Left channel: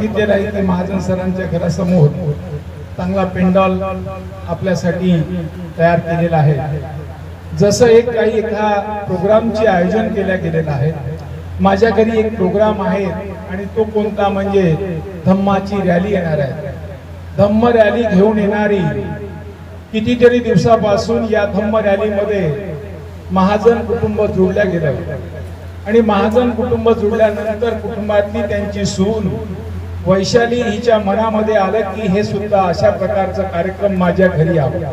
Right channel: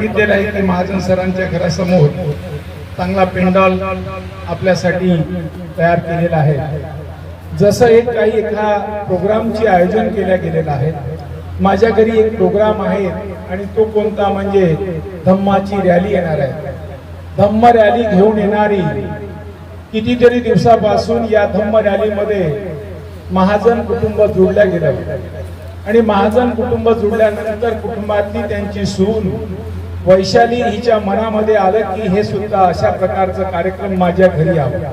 बघितलेलं आहे की महाजन सरांच्या घरासमोर चांगला पेंडाल आपल्यासाठी तयार केलेला आहे। जसं काही एका प्रोग्रामचे आयोजन केले गेलेलं आहे। माझ्या घरी एक प्रोग्राम आहे आणि तो कोणता म्हणजे धम्माची रॅली येणार आहे। धम्म रॅली घेऊन येणारी कितीतरी दिवसापासून या धम्म रॅलीमध्ये महाजन कुटुंब जोडल्या गेलं आणि महाजन कुटुंब जोडल्यानंतर कुटुंबातली त्यांची सून वैशाली हिच्या मनामध्ये आलं की हे सुद्धा अशा प्रकारचा कार्यक्रम माझ्या घरी यावा।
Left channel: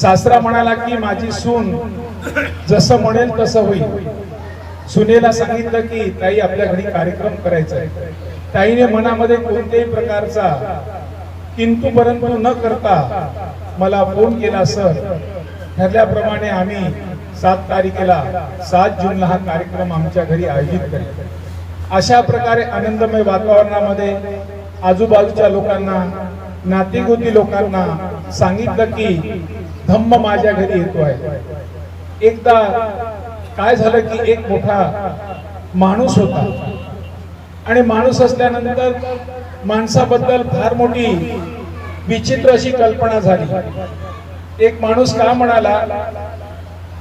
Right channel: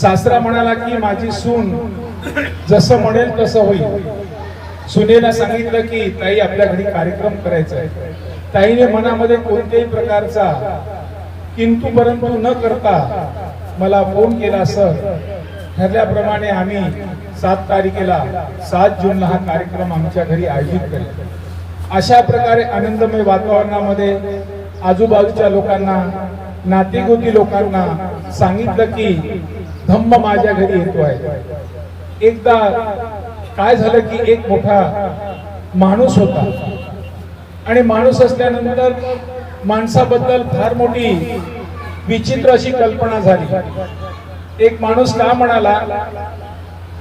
सासरा म्हणाला की माझी सून जसं म्हणेल तसं होईल। सुनेला सांगितलं की ताई आपल्या घरी कार्यक्रम करायचा आहे। ताईने मनामध्ये कोणत्याही प्रकारचा किंतु परंतु न करता मला फोन केला। सर ठरल्याप्रमाणे आम्ही 7 तारखेला 7 जूनला हा कार्यक्रम आमच्या घरी आयोजित करू। अशा प्रकारे आनंदमय वातावरणामध्ये आजूबाजूच्या लोकांना नातेगोती लोकांना सांगितलं की धम्म माझ्या घरी येतो आहे। एकदा काय झालं की एक मोठा माणूस होता आणि माणूस असल्यानंतर माणसाबद्दल फार मोठी विचित्र अशी कल्पना झाली। एक माणूस काय म्हणाला,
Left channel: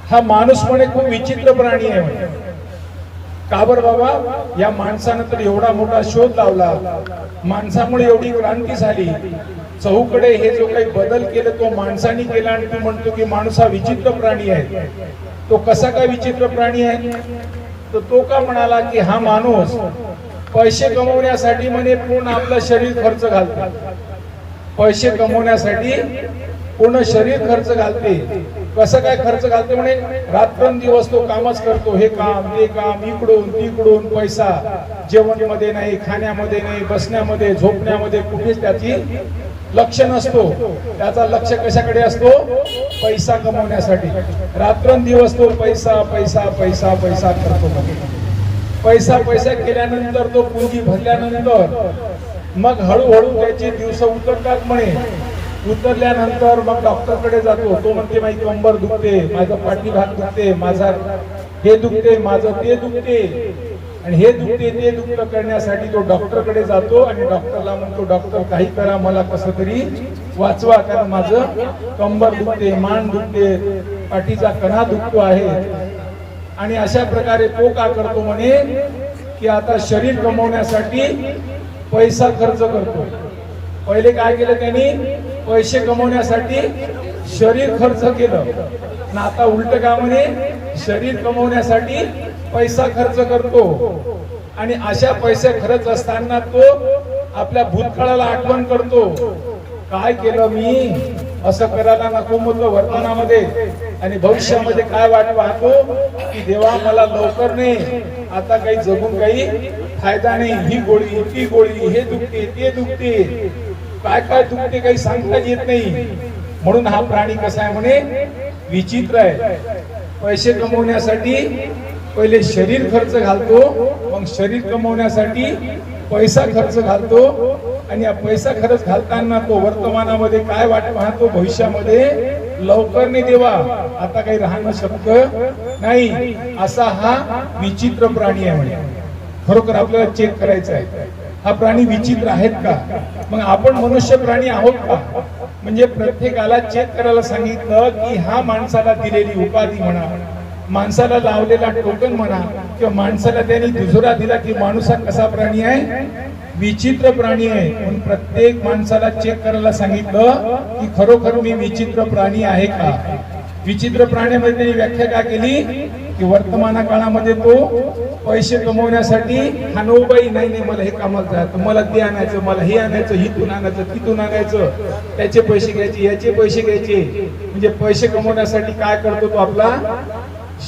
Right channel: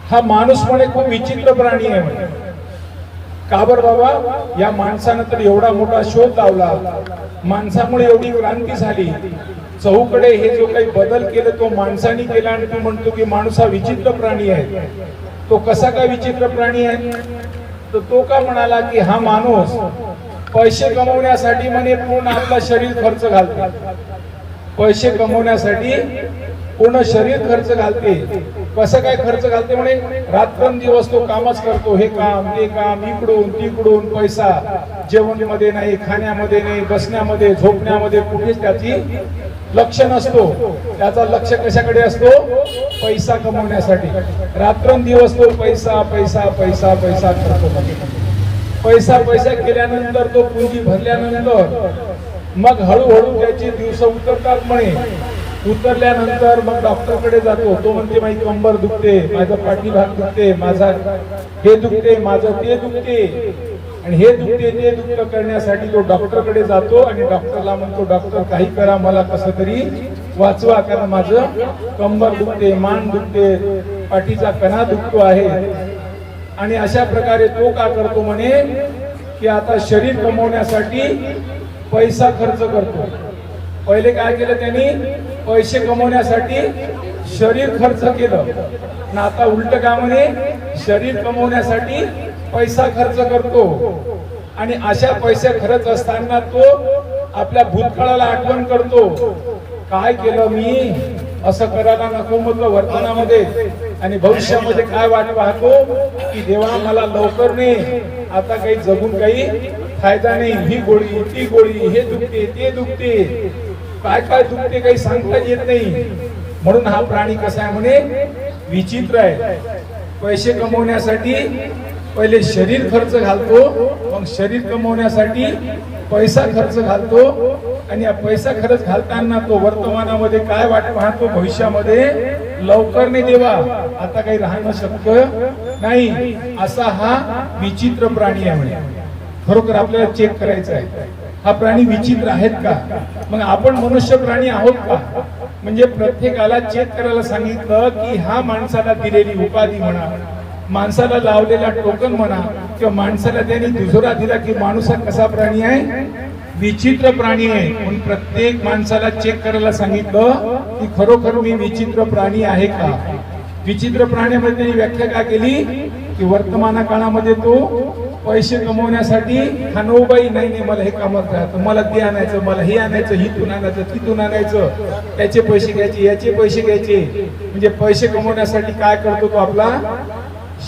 हा माणूस म्हणे खूप विचित्र प्राणी आहे म्हणे। का बरं बाबा, या माणसानं तर एवढा मोठा शोध लावला, माणसामुळे एवढी क्रांती झाली, चहूकडे हे जो काही बदल केला तो माणसाने केला आणि तू म्हणतो की माणूस हा विचित्र प्राणी आहे। तो कसा काय विचित्र प्राणी आहे? तर तो का म्हणाला की हा माणूस पैसे कमवण्यासाठी म्हणे पूर्ण आपलं शरीर खर्च घालते। पैसे कमवण्यासाठी पूर्ण शरीर खर्च घालते। कसं काय खर्च घालते म्हणे, रात्रंदिवस तो कामच करतो, हे काम ते काम, इकडून तिकडून पैसा, जेवणामध्ये नाही, खाण्यामध्ये नाही, बसण्यामध्ये झोपण्यामध्ये कुठेच त्याची लक्ष नसतो। त्याचा लक्ष कशाकडे असतो? पैसा कमवण्यासाठी। रात्रंदिवस तो पैसा पैसा पैसा पैसा करतो। पैसा पैसा केल्यानंतर तो पुंजी भरल्यानंतर मग हळूहळू त्याचे दिवस उतरतात म्हणे। उतरल्यानंतर मग डॉक्टरकडे जातो। तो म्हणते माझी कंबर दुखते, माझा पाठीभाग दुखते, माझा हे दुखते, माझं ते दुखते आणि हे दुखते ते दुखतं करण्यासाठी तो डॉक्टरकडे जातो आणि डॉक्टरला म्हणतो डॉक्टर काही करा, मला कसं तरी वाचवा, कारण माझं कंबर दुखते, मान दुखते, पाठीचा कणा दुखतो आहे। आणि अशा प्रकारे तो का करतो म्हणे की आता शरीर कमवण्यासाठी पैसा खर्च करतो। पहिले काय केलं त्यांनी? पैसे कमवण्यासाठी शरीर खर्च केलं ना आता उलट काय म्हणे, शरीर कमवण्यासाठी पैसा खर्च करतो। आणि अशा पैसे खर्च असताना तो आपल्या भूतकाळाला आठवण करतो, काय केलं मी, असं करायला नको होतं वर्तमानामध्ये आणि भविष्यामध्ये काय वाट पाहतो की देवा मला लवकर नाही, आता काही जगून काही फायदा नाही, ही गोळी ती गोळी, हे दुखते ते दुखते, काय काय दुखते काही सांगता येत नाही। म्हणून हा प्राणी कसा आहे म्हणे, विचित्र आहे। पैसे कमवण्यासाठी पहिले शरीर खर्च घालतो, मग शरीर कमवण्यासाठी पैसा खर्च घालतो आणि या पैसा खर्च घालताना तो वर्तमानामध्ये काय वाट पाहतो, भविष्यामध्ये लवकर नाही देवा, आता काही राहणं शक्य नाही, असा हा विचित्र प्राणी आहे म्हणे। खरोखर आपल्याला चेक करायचं आहे, हा प्राणी विचित्र आहेत का? मग आपण मनुष्य प्राणी आहोत का? म्हणजे प्रत्येकाला चेक करायला सांगितलं की हा माणसाला दिलेली उपाधी म्हणा, माणसाला लावलेला टोकन म्हणा किंवा माणसाला त्यांनी दुजोरा दिला की माणूस हा कसा प्राणी आहे, विचित्र प्राणी आहे। म्हणून प्रत्येक माणसाला चेक करायला सांगितलं की खरोखर मी विचित्र प्राणी आहे का? विचित्र प्राण्यामध्ये त्यांनी व्याख्या काय केली की वर्तमान काळामध्ये तो पैसे कमवण्यासाठी खानोबाई नाही, मला हे काम द्या, मला ते आणायचं, मला हे आणायचं, हिथून आणायचं, तिथून आणायचं, त्याचे पैसे घ्यायचे, याचे पैसे घ्यायचे। म्हणजे पैसे कमवण्यासाठी काय करतो तो आपला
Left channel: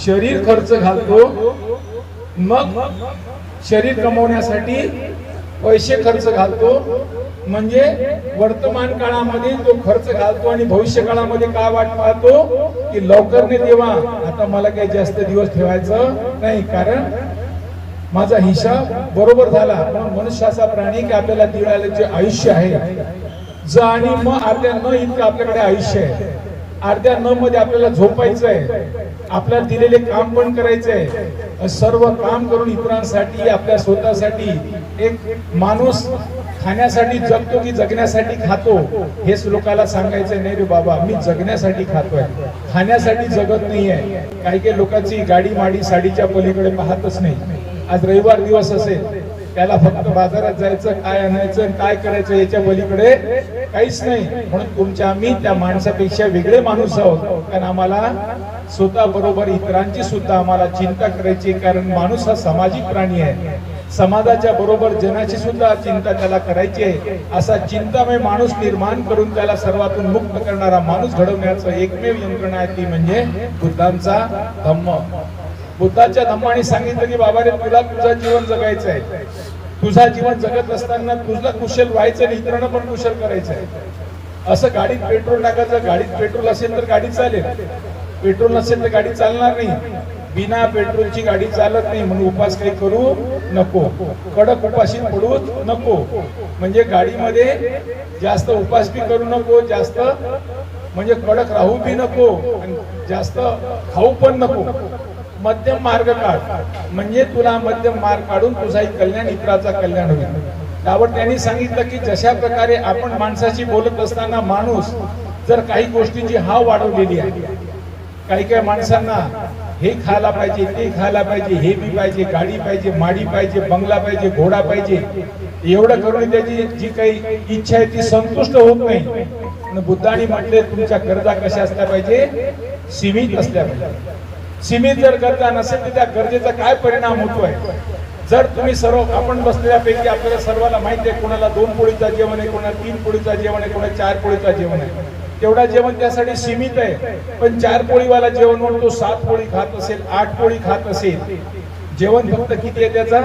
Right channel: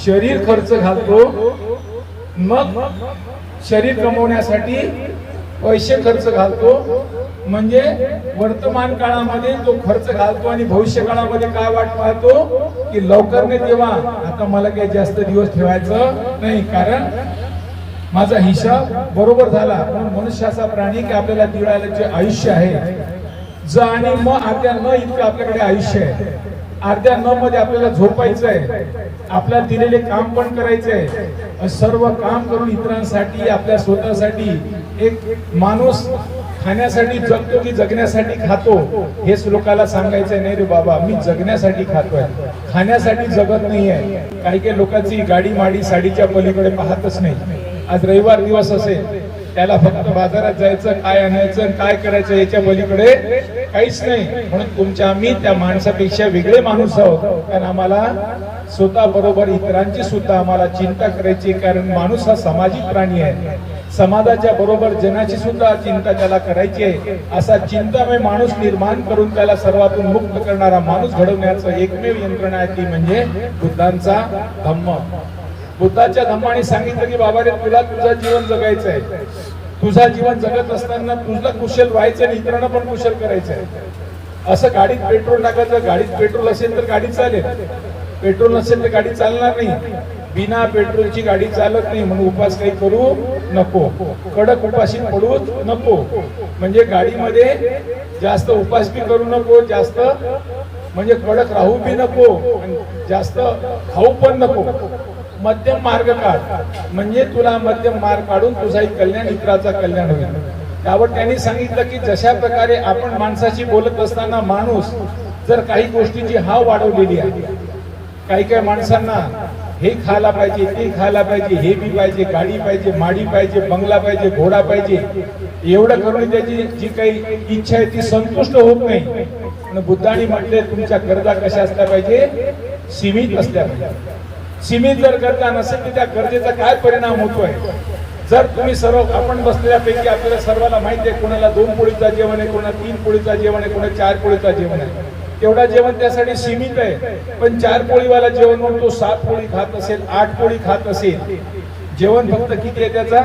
शरीर खर्च घालतो, मग शरीर कमवण्यासाठी पैसे खर्च घालतो, म्हणजे वर्तमान काळामध्ये तो खर्च घालतो आणि भविष्य काळामध्ये काय वाट पाहतो की लवकर देवा, आता मला काही जास्त दिवस ठेवायचं नाही, कारण माझा हिसाब बरोबर झाला। म्हणून मनुष्य असा प्राणी की आपल्याला दिवाळीला जे आयुष्य आहे, ज आणि म अर्ध्या न इतकं आपल्याकडे आयुष्य आहे। अर्ध्या न मध्ये आपल्याला झोपायचं आहे, आपल्याला दिलेले काम पण करायचं आहे, सर्व काम करून इतरांसाठी आपल्या स्वतःसाठी एक माणूस खाण्यासाठी जगतो की जगण्यासाठी खातो हेच लोकांना सांगायचं नाही रे बाबा, मी जगण्यासाठी खातोय, खाण्यासाठी जगत नाहीये. काही काही लोकांची गाडी माडी साडीच्या पलीकडे पाहतच नाही. आज रविवार दिवस असेल, त्याला फक्त बाजारात जायचं, काय आणायचं, काय करायचं याच्या पलीकडे काहीच नाही. म्हणून तुमच्या आम्ही त्या माणसापेक्षा वेगळे माणूस आहोत, कारण आम्हाला स्वतः बरोबर इतरांची सुद्धा आम्हाला चिंता करायची. कारण माणूस हा सामाजिक प्राणी आहे. समाजाच्या बरोबर जनाची सुद्धा चिंता त्याला करायची आहे. असा चिंतामय माणूस निर्माण करून त्याला सर्वातून मुक्त करणारा माणूस घडवण्याचं एकमेव यंत्रणा आहे ती म्हणजे बुद्धांचा धम्म. बुद्धाच्या धम्माने सांगितलं की बाबा रे, तुला तुझं जीवन जगायचं आहे. तुझा जीवन जगत असताना तुझला कुशल व्हायचं आणि इतरांना पण कुशल करायचं आहे. असं गाडीत पेट्रोल टाकायचं, गाडीत पेट्रोल असेल तर गाडी चालेल, पेट्रोल नसेल तर गाडी चालणार नाही. बिना पेट्रोलची गाडी चालत नाही. म्हणून उपास काही करू नको, कडक उपाशी पडू नको. म्हणजे गाडीमध्ये जास्त उपास बी करू नको, जास्त म्हणजे कडक राहू बी नको, जास्त खाऊ पण नको. मध्यम मार्ग काढ, म्हणजे तुला मध्यम मार्ग काढून तुझाही कल्याण, इतराचा कल्याण होईल. त्यावर त्यांनी सांगितलं की जशा प्रकारे आपण माणसाशी बोलत असताना माणूस जर काही गोष्टींची हाव वाढवलेली आहे, काही काही माणसांना हे खायला पाहिजे, ते खायला पाहिजे, हे बी पाहिजे, गाडी पाहिजे, माडी पाहिजे, बंगला पाहिजे, घोडा पाहिजे, एवढं करून त्याची जी काही इच्छा आहे ती संतुष्ट होत नाही. बुद्धांनी म्हटले तुमच्या गरजा कशा असल्या पाहिजे, सीमित असल्या पाहिजे. सीमित जर गरजा नसेल तर त्या गरजेचा काय परिणाम होतोय. जर तुम्ही सर्व आपण बसलेल्यापैकी आपल्याला सर्वांना माहिती आहे, कोणाला 2 पोळीचा जेवण आहे, कोणाला 3 पोळीचा जेवण आहे, कोणाला 4 पोळीचा जेवण आहे. तेवढा जेवण त्यासाठी सीमित आहे. पण 4 पोळीवाला जेवण म्हणून तो 7 पोळी खात असेल, 8 पोळी खात असेल. जेवण फक्त किती आहे त्याचा,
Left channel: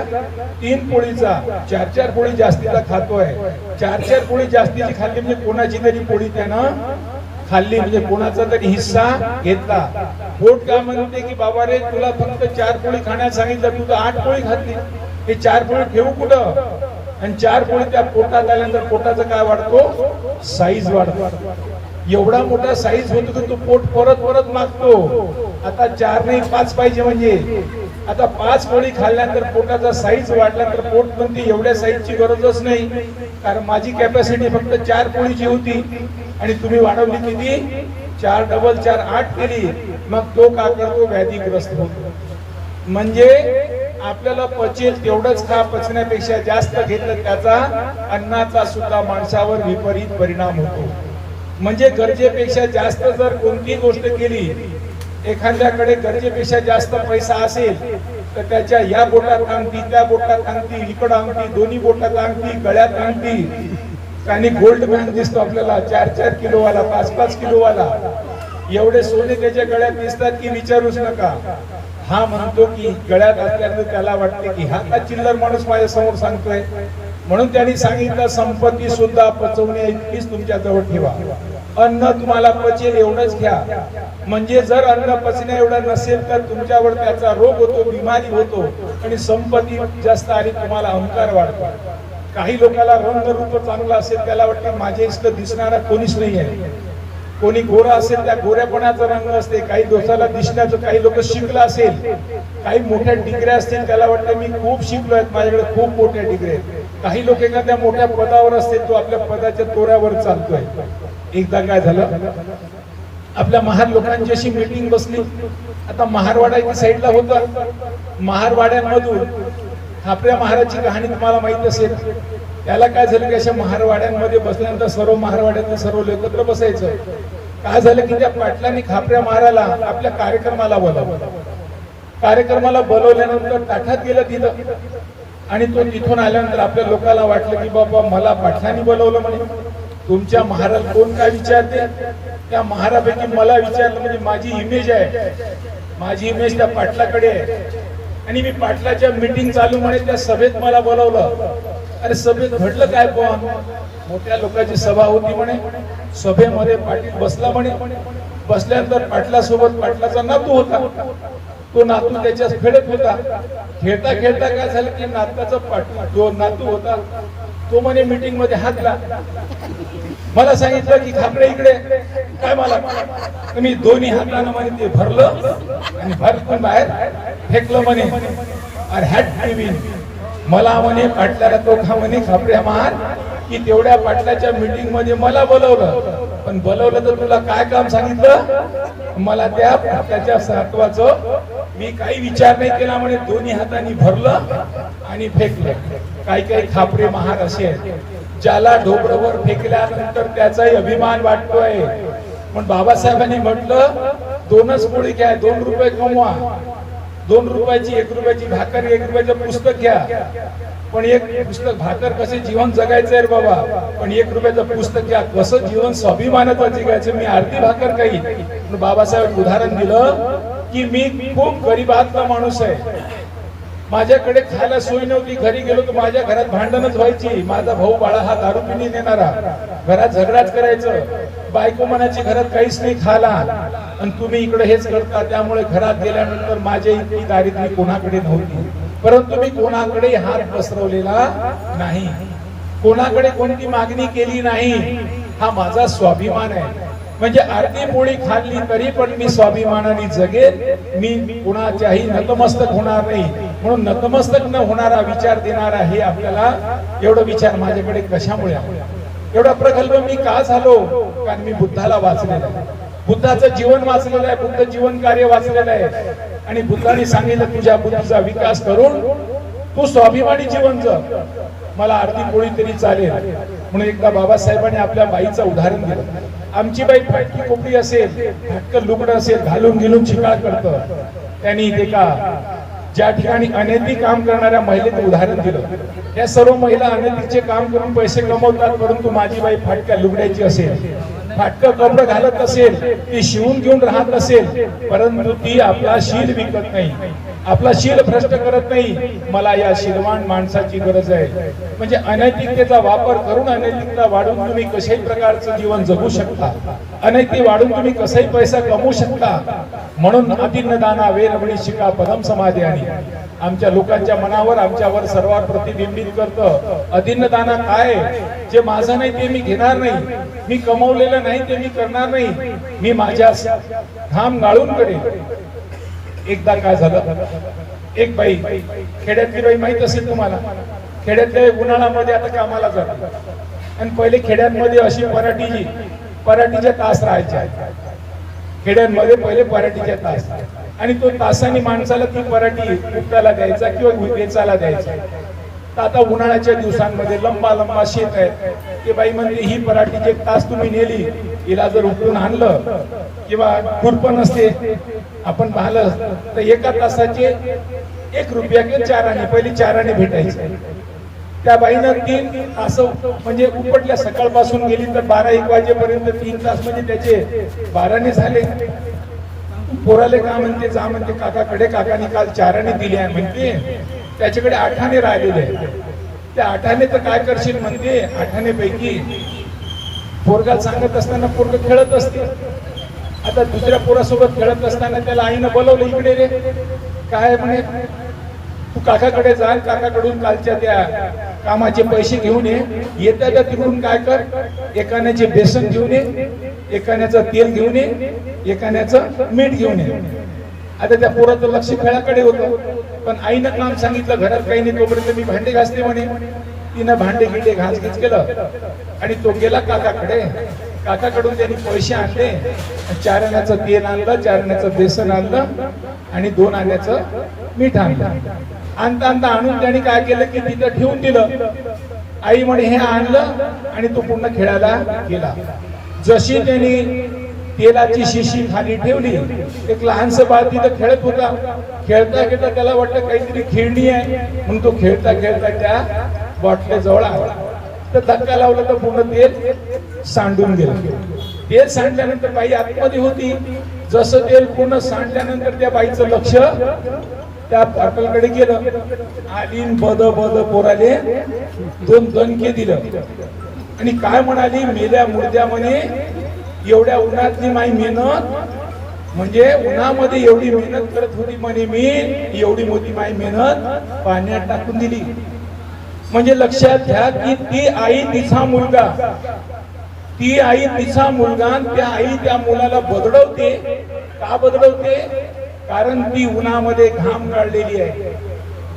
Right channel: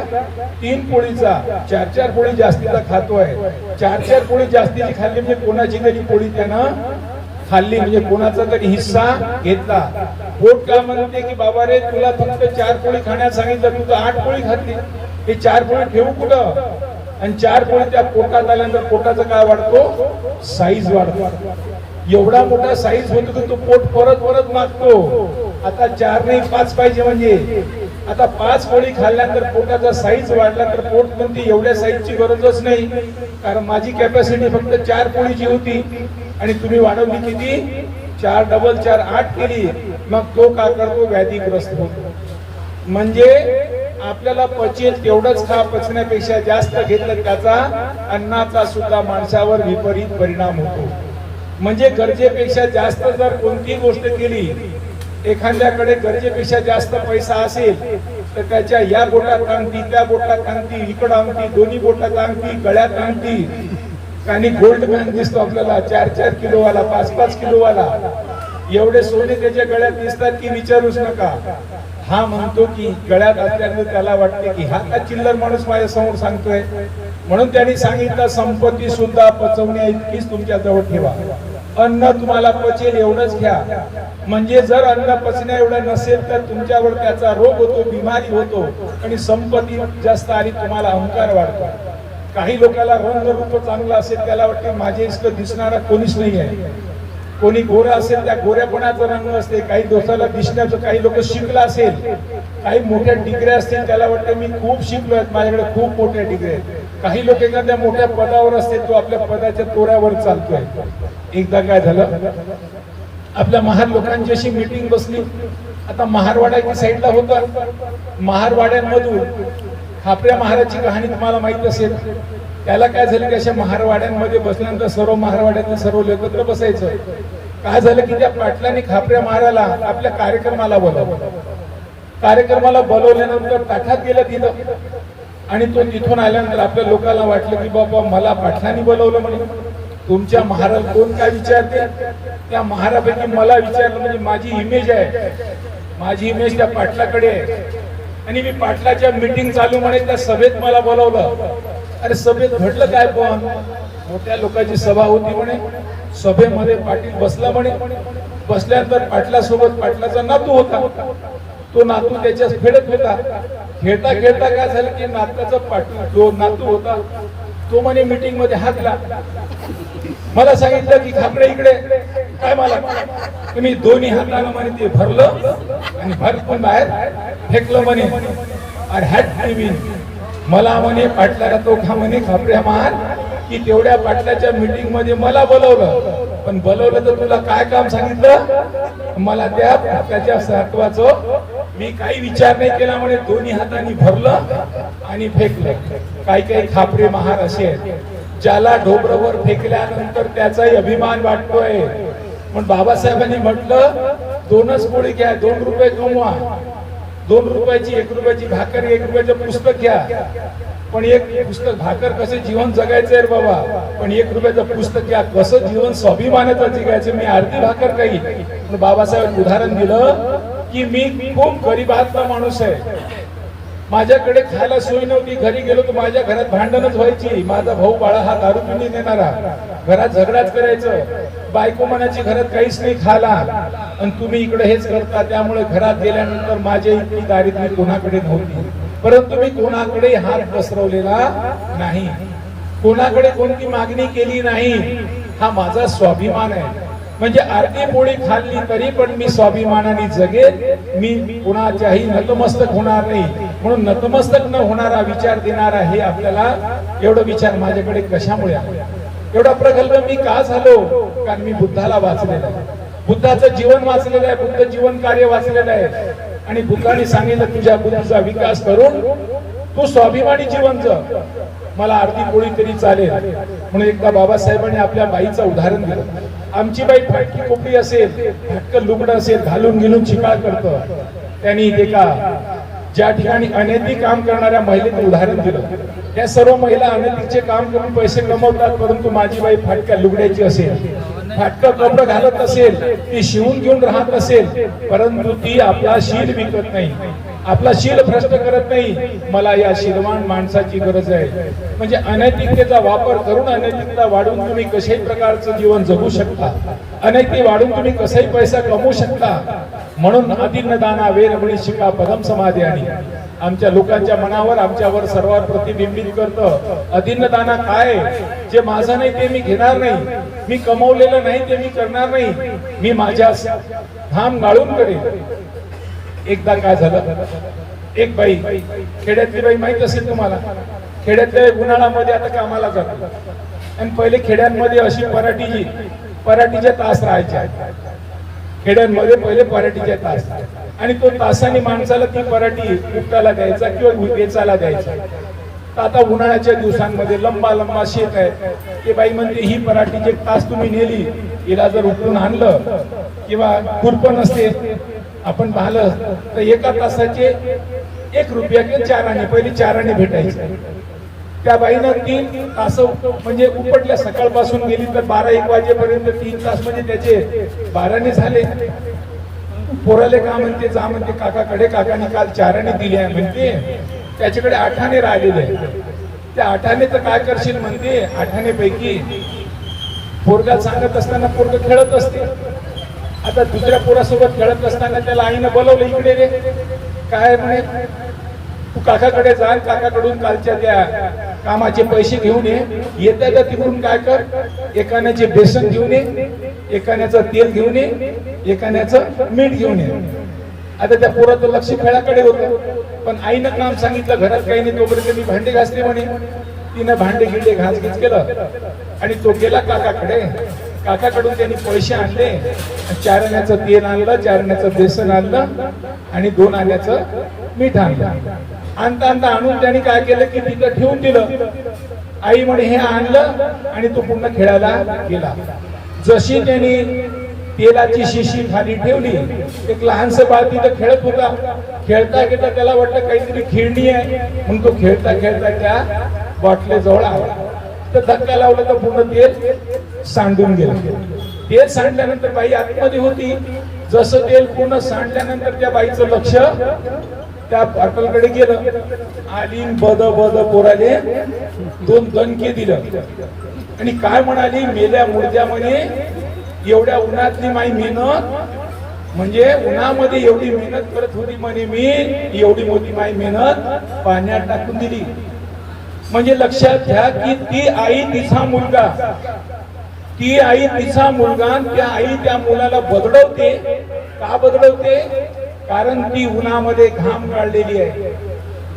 3 पोळीचा, 4 पोळी जास्तीचा खातोय. 4 पोळी जास्तीची खाल्ली म्हणजे कोणाची तरी पोळी त्यानं खाल्ली, म्हणजे कोणाचा तरी हिस्सा घेतला. पोट काय म्हणते की बाबा रे, तुला फक्त 4 पोळी खाण्यास सांगितलं, तू तर 8 पोळी खाल्ली. हे 4 पोळी ठेवू कुठं. आणि 4 पोळी त्या पोटात आल्यानंतर पोटाचं काय वाढतो, साईज वाढतो. एवढा मोठा साईज होतो की तो पोट परत परत मागतो. आता 4 नाही 5 पाहिजे. म्हणजे आता 5 पोळी खाल्ल्यानंतर पोटाचा साईज वाढला तर पोट म्हणते एवढ्या साईजची गरजच नाही, कारण माझी कॅपॅसिटी फक्त 4 पोळीची होती आणि तुम्ही वाढवली किती, 4 डबल 4 8 केली. मग तो काय करतो, व्याधीग्रस्त होतो. म्हणजे आपल्याला पचेल तेवढंच खा, पचण्यापेक्षा जास्त घेतलं त्याचा अन्नाचा सुद्धा माणसावर विपरीत परिणाम होतो. म्हणजे गरजेपेक्षा जास्त जर कोणती गोष्ट केली, एखाद्याकडे गरजेपेक्षा जास्त पैसा असेल तर त्याच्या या बोटात अंगठी, त्या बोटात अंगठी, इकडं अंगठी, दोन्ही बोटात अंगठी, गळ्यात अंगठी, आणि गोल्ड बँड दिसतो आपल्याला 4-4 किलोवाला, 5-5 किलोवाला. एवढे सोने त्याच्या गळ्यात दिसतात की विचारूच नका. हा म्हणतो की गळ्यात असल्यानंतर त्याला वाटते की हा काय चिल्लर माणूस माझ्या समोर सांगतोय. म्हणून त्यांनी सांगितलं संपत्ती सुद्धा पचवण्या इतकीच तुमच्या जवळ ठेवा. अन्न तुम्हाला पचेल एवढंच घ्या. म्हणजे जर अन्न पचण्या एवढं नसेल तर तुमच्यावर त्याचा रोग होतो, बिमारी होतो, आणि संपत्ती जास्त आली तुम्हाला अहंकार वाढतो. काही लोकांना रंगरूप चांगला असेल, त्याला वाटते माझे इतकं दिसणारा कोणीच नाही आहे. कोणी गोरा असेल त्या गोऱ्यापणाचा रंग असते, काही दोषाला दिसण्याचं. काही लोक शिकला असेल, काही मोठ्या डिग्र्या असतील, त्याला वाटते मी खूप शिकलोय, माझ्याकडे खूप मोठ्या डिग्री आहेत. काही लोक एखाद्या मोठ्या पदावर असतील, तो आपल्या पदाच्या तोऱ्यावर चालतोय. एकदा काय झालं, आपल्या महार लोकांची अशी मीटिंग बसली. आता महारवाड्याच्या साईडला होतं. महारवाड्यांमधून खापऱ्या महाराजची कहाणी तुम्हाला माहित असेल. त्याला काय झालं की अशा महारवाड्यांमध्ये बसल्यानंतर सर्व महारवाड्यातले सर्व एकत्र बसायचं. काय झालं की त्या पाटलांनी खापऱ्या महाराला आपल्या कार्यक्रमाला बोलावलं. कार्यक्रमाला बोलवल्यानंतर ताठात गेला तिथं, आणि तो तिथून आल्यानंतर आपल्या लोकांना वाटलं की बाबा मला पाटलांनी बोलवलं, म्हणे तुमच्या महाराज कोण काय विचारते. त्या महारापैकी मला विचारलं, म्हणजे माझी इमेज आहे, माझी इमेज त्या पाटलाकडे आहे, आणि मी पाटलाच्या मीटिंग चालू म्हणे त्या सभेत मला बोलवलं. अरे सभेत घडलं काय, पण मोठ्या लोकांची सभा होती म्हणे. सभेमध्ये पाटील बसला म्हणे. बसल्यानंतर पाटलासोबत पाटलाचा नातू होता. तो नातू त्याच्यास खेळत होता. खेळता खेळता काय झालं की नाताचा जो नातू होता तो म्हणे मीटिंग मध्ये हातला. मला सांगितलं की खापरे इकडे काय, मला तुम्ही दोन्ही हाताने म्हणे ते भरलं आणि भरपूर बाहेर फेकलं म्हणे. अरे हॅट टीव्ही मला म्हणे पाटलाला तो खा म्हणे खापऱ्या मार, की तेवढ्या पाटलाच्या मीटिंग मध्ये मला बोलवलं, पण बोलवलं तर तुला काय काम सांगितलं? मला त्याच्या सात्वाचं मी काही विचार नाही केला म्हणे, दोन्ही हातांनी भरलं आणि फेकलं. काही काही खापरे महार असे ज्याला ढोबरवर फेकल्यानंतर त्याचाही अभिमान वाटतोय. पण बाबासाहेबांनी म्हटलं दोनच पोळी घ्या, 2 रुपये कमवा, 2 रुपयाची 1 रुपयाची भाकर, 1 रुपयाचं पुस्तक घ्या. पण एक पुस्तक भाकर कसे जीवन जगायचंय रे बाबा, पण 1 रुपयाचं पुस्तक घ्या, कसं जीवन स्वाभिमानाचं जगायचं. मी अर्धी भाकर काही. पण बाबासाहेब उदाहरण दिलं की मी खूप गरीबातला माणूस आहे, माझ्याकडे खायला सोय नव्हती, घरी गेलो तर माझ्या घरात भांडणच व्हायची. माझा भाऊ बाळा हा दारू पिऊन नेणारा, घरात झगडाच करायचं, बायको मनाची घरात काहीच नाही खाला, आणि तुम्ही इकडे हेच करता. त्यामुळे घरात गेल्यानंतर माझी इतकी दारिद्र्य कोणाकडे नव्हती, परंतु मी कोणाकडे हात पसरवलेला नाही, कोणाकडे कोणती मागणी केली नाही. हा माझा स्वाभिमान आहे. म्हणजे अर्धी पोळी खाल्ली तरी पण मी स्वाभिमानाने जगेल, मी कुणाच्याही नतमस्तक होणार नाही. म्हणून नतमस्तक न होणारा विचार देणारा हे आपल्याला एवढं विचार माझ्याकडे कशामुळे आहे, एवढा प्रगल्भ मी का झालो? कारण मी बुद्धाला वाचलेलं आहे, बुद्धाचं जीवन वाचलेलं आहे, बुद्ध जीवन कार्य वाचलेलं आहे. आणि बुद्धाने सांगितलं तुझ्या बुद्धीचा विकास करून तू स्वाभिमानी जीवन जग, मला अर्धी पोळी तरी चालेल. म्हणून एकदा बाबासाहेबांनी आपल्या बाईचं उदाहरण दिलं. आमची बाई फाटकी कोपडी असेल, फाटकं लुगडं असेल, घालून घिलून चिकाळ करतं, त्यांनी ते का ज्या ठिकाणी अनैतिक काम करणाऱ्या महिलेचं उदाहरण दिलं. या सर्व महिला अनैतिकचे काम करून पैसे कमवतात, परंतु माझी बाई फाटक्या लुगड्याची असेल, फाटकं कपडं घालत असेल, ती शिवून घेऊन राहत असेल, परंतु ती आपला शील विकत नाही, आपला शील भ्रष्ट करत नाही. मला या शीलवान माणसाची गरज आहे. म्हणजे अनैतिकतेचा वापर करून अनैतिकता वाढून तुम्ही कशाही प्रकारचं जीवन जगू शकता, अनैतिक वाढून तुम्ही कसाही पैसा कमवू शकता. म्हणून अतिन्नदाना वेरवणी शिका पदम समाधी आणि आमच्या लोकांच्या मनावर आमच्यावर सर्वात प्रतिबिंबित करतं. अतिन्नदाना काय? जे माझं नाही ते मी घेणार नाही, मी कमवलेलं नाही ते मी करणार नाही, मी माझ्या घाम गाळून करेन. एकदा काय झालं, एक बाई, खेड्यातली बाई माहित असेल तुम्हाला, खेड्यातल्या उन्हाळ्यामध्ये आता कामाला जातात, आणि पहिले खेड्यांमध्ये अशी पराठीचे तास राहायचे. खेड्यांमध्ये पहिले पराठीचे तास, आणि तो तासाने माणसाला ती पराठी उपटायला द्यायचा किंवा वेचायला द्यायचा. तर आता उन्हाळ्याच्या दिवसांमध्ये लंबा शेत आहे, ते बाई म्हणते ही पराठीचे तास तुम्ही नेली, हिला जर उपटून आणलं किंवा खुरपण असते आपण पाहिलं तर एका तासाचे 1 रुपया किंवा 4 आणे, पहिले 4 आणे भेटायचे. त्या बाईनं 3 तास म्हणजे उपटल्या, सकाळपासून गेली तर 12-1 वाजेपर्यंत 3 तास, म्हणजे त्याचे 12 आणे झाले. पोराले का म्हणते, जा म्हणते काकाकडे, काकाने काल 4 आणे दिले आहे म्हणते, त्याच्याकडे 8 आणे राहिलेले आहे. त्या 8 आणे तर काय करशील म्हणते, 8 आणे पैकी पोरगा सांगत असताना पोरग खेळत असते. आता दुसऱ्या पोरासोबत खेळत असताना त्याला आईनं बोलवलं, इकडे रे, काय म्हणे, तू काकाकडे जा, काकाकडून कालच्या त्या कामाचे पैसे घेऊन ये. येत्या तर तिकडून काय कर, एकाण्याचे बेसन घेऊन ये, एकाण्याचं तेल घेऊन ये, एकाण्याचं मीठ घेऊन ये. आता त्या पोराचं लक्ष खेळाकडे होतं, पण आईनं काम सांगितलं घरात काही नाही, तोपर्यंत मी भांडे घासते म्हणे. तिनं भांडे गिंडे घास केलं आणि तो गेला काकाकडे. काकाकडून त्यांनी पैसे आणले, 4 आण्याचं तेल आणलं, 4 आण्याचं बेसन आणलं आणि 2 आण्याचं मीठ आणलं. आणता आणून त्यांनी काय केलं की तिथं ठेवून दिलं. आई म्हणे हे आणलं, आणि तो पुन्हा खेळायला गेला. जशी त्यांनी तेलाची शिशी खाली ठेवली, एक लहानसं बाळ तिथं खेळत होता. खेळता खेळता त्याला वाटलं काहीतरी खेळणी आहे, म्हणून तो खेळता खेळता त्या बॉटलेजवळ आला. तर धक्का लावला तर पूर्ण तेल सांडून गेलं. तेल सांडल्यानंतर बाई आतमध्ये होती. जसं तेल पूर्ण सांडल्यानंतर त्या बाईचं लक्ष त्या बॉटलकडे गेलं. आली बद पोराले 2 दणके दिलं आणि काय म्हणाली, मेल्या मुर्द्या म्हणे, एवढ्या उन्हातली माई मेहनत, म्हणजे उन्हामध्ये एवढी मेहनत करत होती म्हणे मी, एवढी मोठी माई मेहनत पाण्यात टाकून दिली. म्हणजे लक्षात घ्या की ती आई तिचा मुलगा, ती आई तिचा मुलगा, त्या आई त्या मुलाला बदलवते. का बदलवते? कारण ती उन्हामध्ये घाम गाळलेली आहे.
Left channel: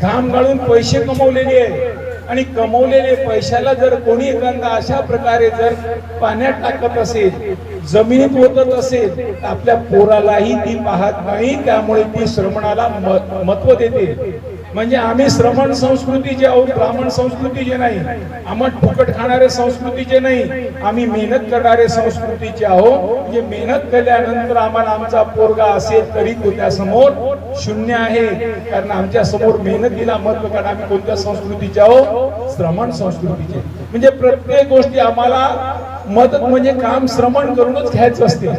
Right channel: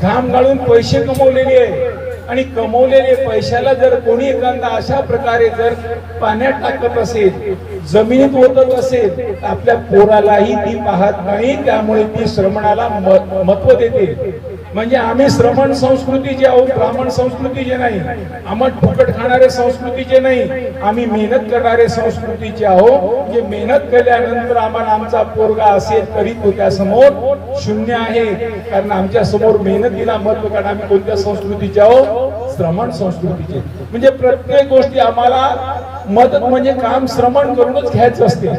घाम गाळून पैसे कमवलेले आहे आणि कमवलेले पैशाला जर कोणी एखादा अशा प्रकारे जर पाण्यात टाकत असेल, जमिनीत ओतत असेल, तर आपल्या पोरालाही ती पाहत नाही, त्यामुळे ती श्रमणाला महत्व देते. म्हणजे आम्ही श्रमण संस्कृतीचे आहोत, ब्राह्मण संस्कृतीचे नाही, आम्ही फुकट खाणारे संस्कृतीचे नाही, आम्ही मेहनत करणारे संस्कृतीचे आहोत. जे मेहनत केल्यानंतर आम्हाला आमचा पोरगा असेल तरी तो त्या समोर शून्य आहे, कारण आमच्या समोर मेहनतीला महत्व. कारण आम्ही कोणत्या संस्कृतीचे आहोत? श्रमण संस्कृतीचे. म्हणजे प्रत्येक गोष्टी आम्हाला मदत म्हणजे काम श्रमण करूनच घ्यायचं असते.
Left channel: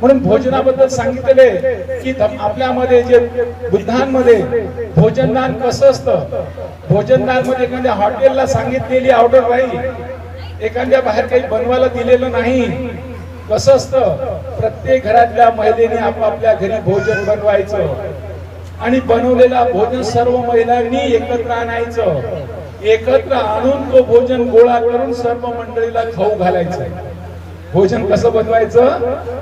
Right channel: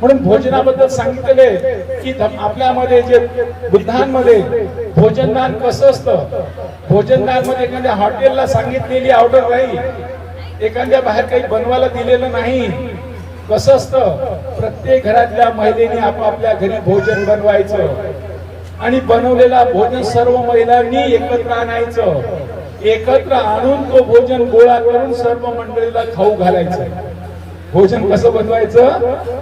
म्हणून भोजनाबद्दल सांगितले की आपल्यामध्ये जे बुद्धांमध्ये भोजनदान कसं असतं. भोजनदान मध्ये एखाद्या हॉटेलला सांगितलेली ऑर्डर नाही, एखाद्या बाहेर काही बनवायला दिलेलं नाही. कसं असतं, प्रत्येक घरातल्या महिलेने आपापल्या घरी भोजन बनवायचं आणि बनवलेला भोजन सर्व महिलांनी एकत्र आणायचं. एकत्र आणून तो भोजन गोळा करून सर्व मंडळीला खाऊ घालायचं. भोजन कसं बनवायचं,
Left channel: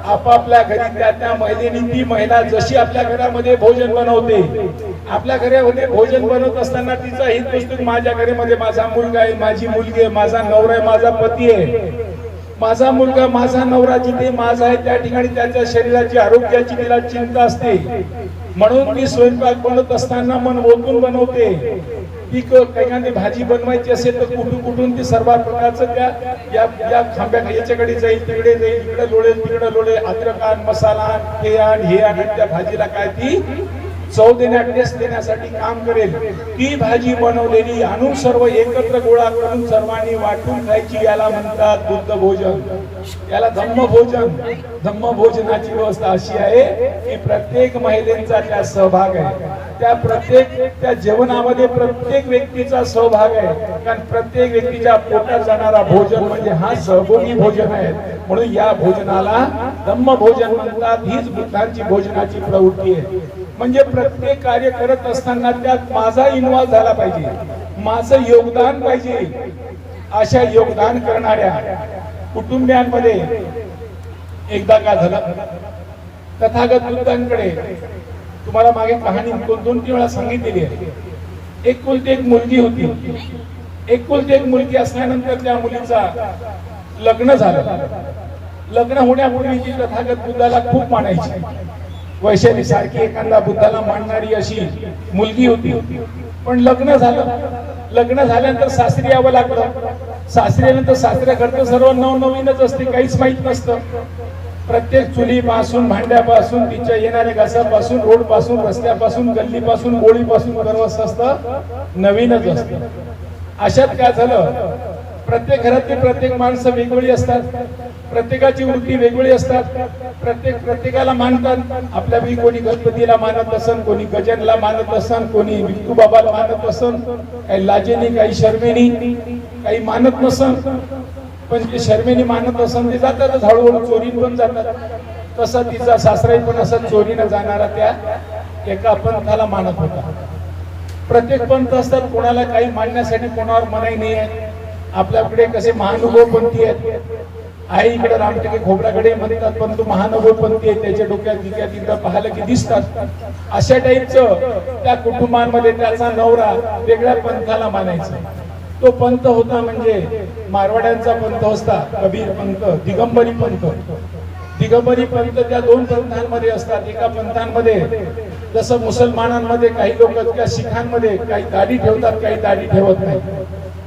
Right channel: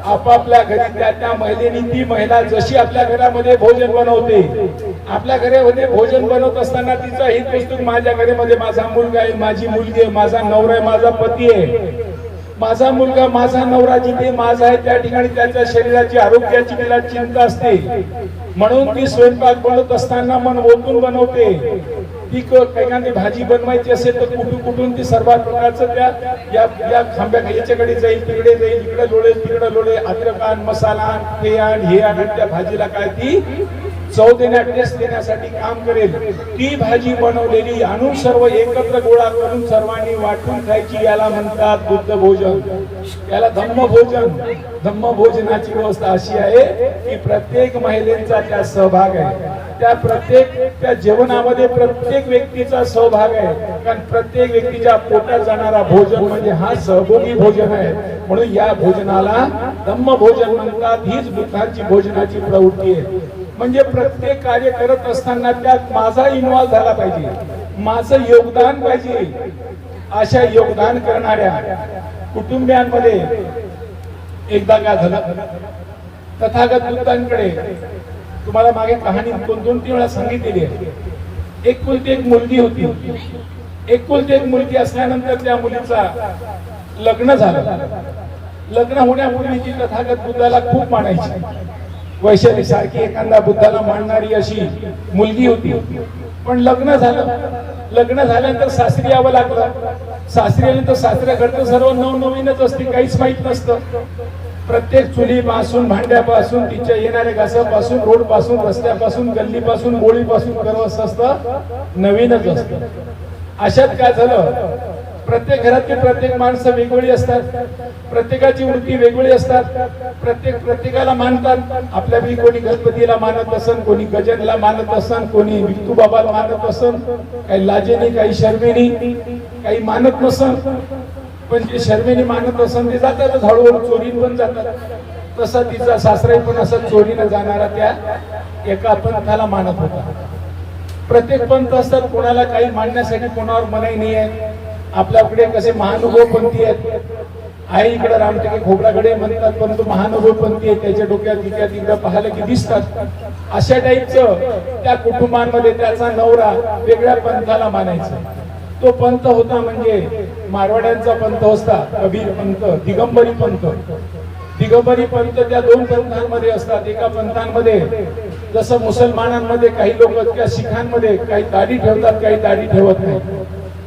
आपापल्या घरी त्या त्या महिलेनी, ती महिला जशी आपल्या घरामध्ये भोजन बनवते, आपल्या घरामध्ये भोजन बनवत असताना तिचा हित असतो, माझ्या घरामध्ये माझा मुलगा आहे, माझी मुलगी आहे, माझा नवरा आहे, माझा पती आहे. माझा मुलगा, माझा नवरा जिथे माझा आहे त्या ठिकाणी त्याच्या शरीराची आरोग्याची तिला चिंता असते. म्हणून ती स्वयंपाक बनवत असताना मन ओतून बनवते. ती एखादी भाजी बनवायची असेल तर कुठून ती सर्व प्रकारचं त्या या खांब्या याच्याकडे जाईल, तिकडे जाईल, इकडे लोळेल, तिकडे लोळेल, अद्रक आण, मसाला आण, हे आण, हे आण, त्या भाजीला काय ती चव देण्या, टेस्ट देण्यासाठी काम करेल. ती भाजी बनवलेली आणून सर्व एकत्र गोळा करून सर्वांनी वाटून खायची, याला म्हणतात बुद्ध भोजन, याला धम्म भोजन. धम्म भोजनाची व्यवस्था अशी आहे की प्रत्येक महिलेचा त्यात सहभाग आहे. त्या जेवणामध्ये प्रत्येक व्यक्तीचा सहभाग आहे, कारण प्रत्येक व्यक्तीच्या पोटात जाणारा भोजन म्हणजे हा सहभोगी भोजन आहे. म्हणून या भोजनाला धम्म भोजन म्हणतात. हीच बुद्धांची भोजनाची प्रवृत्ती आहे. म्हणजे प्रत्येक कार्य करत असताना त्यात माझा इन्व्हॉल्व झाला पाहिजे, माझं योगदान पाहिजे. अशा योगदान करणाऱ्या कुटुंबियांमध्ये एकदा काय झालं, तथागत बुद्धांकडे तुम्हाला मागे कहाणी 2-3 वेळा सांगितलेली आहे. एकुलती एक मुलगी होती. एकुलती एक मुलगी असल्यानंतर त्या मुलीचा लग्न झालं. लग्न होण्यापूर्वी ती तथागत बुद्धाला खूप मानायची. वैशाली सारखी एखादा बुद्धाला मानणारी अशी मुलगी होती. पण लग्न झालं. लग्न झाल्यानंतर सासरी यावं लागलं. सासरी आल्यानंतर सासऱ्याकडचं सर्व नवनवीनच असते, काहीच माहित नसतं. प्रत्येक चुलीपासून, भांड्यापासून, तिच्या येणाऱ्या घासापासून, रोड पासून, रस्त्यापासून, गल्लीपासून, गोळीपासून करत असतं, नवीनच असतं. अशात काय झालं, प्रत्येक घरातली प्रत्येक माणसं वेगवेगळी असतात, प्रत्येकाची वृत्ती वेगवेगळी असतात. प्रत्येकाला मानतात. आपल्यापैकी कोणी गणपतीला मानत असन, कोणी गजानला मानत असन, कोणी विठू बाबाला मानत असन, काही लाजेनी, काही शर्मेनी, काही मानत नसन. पण जे शर्मेने मानत असन ते जातातच, हळूहळू चोरीन पण जातात. तसा तिचा सासराही पण असं चोरीनं जाणारा त्या एका पंथाला मानत होता. प्रत्येक पंथ असतात, कोणाला काही मांडण्यासाठी कोणावर मनाई नाही आहे. आपल्याकडे कसे महानुभव पंथी आहेत, आई इकडे रामटेके खोबराकडे म्हणतात, पण तो महानुभव पंथी आहे, त्याच्या डोक्यात तिकडे पाहिलं की दिसतात. अशा टाईपचं त्या कुटुंबांमध्ये त्याचा नवरा वेगळ्या पंथाला मानायचा. तो पंथ होता म्हणजे मारवाड्यांचा पंथ होता, कबीर पंथ, दिगंबरी पंथ. दिगंबरी पंथ त्या 2 पंथांमध्ये असतात. एका पंथांमध्ये जसं मुसलमानांमध्ये काही लोक किंवा शिखांमध्ये काही दाढी ठेवतात, काही दाढी ठेवत नाही.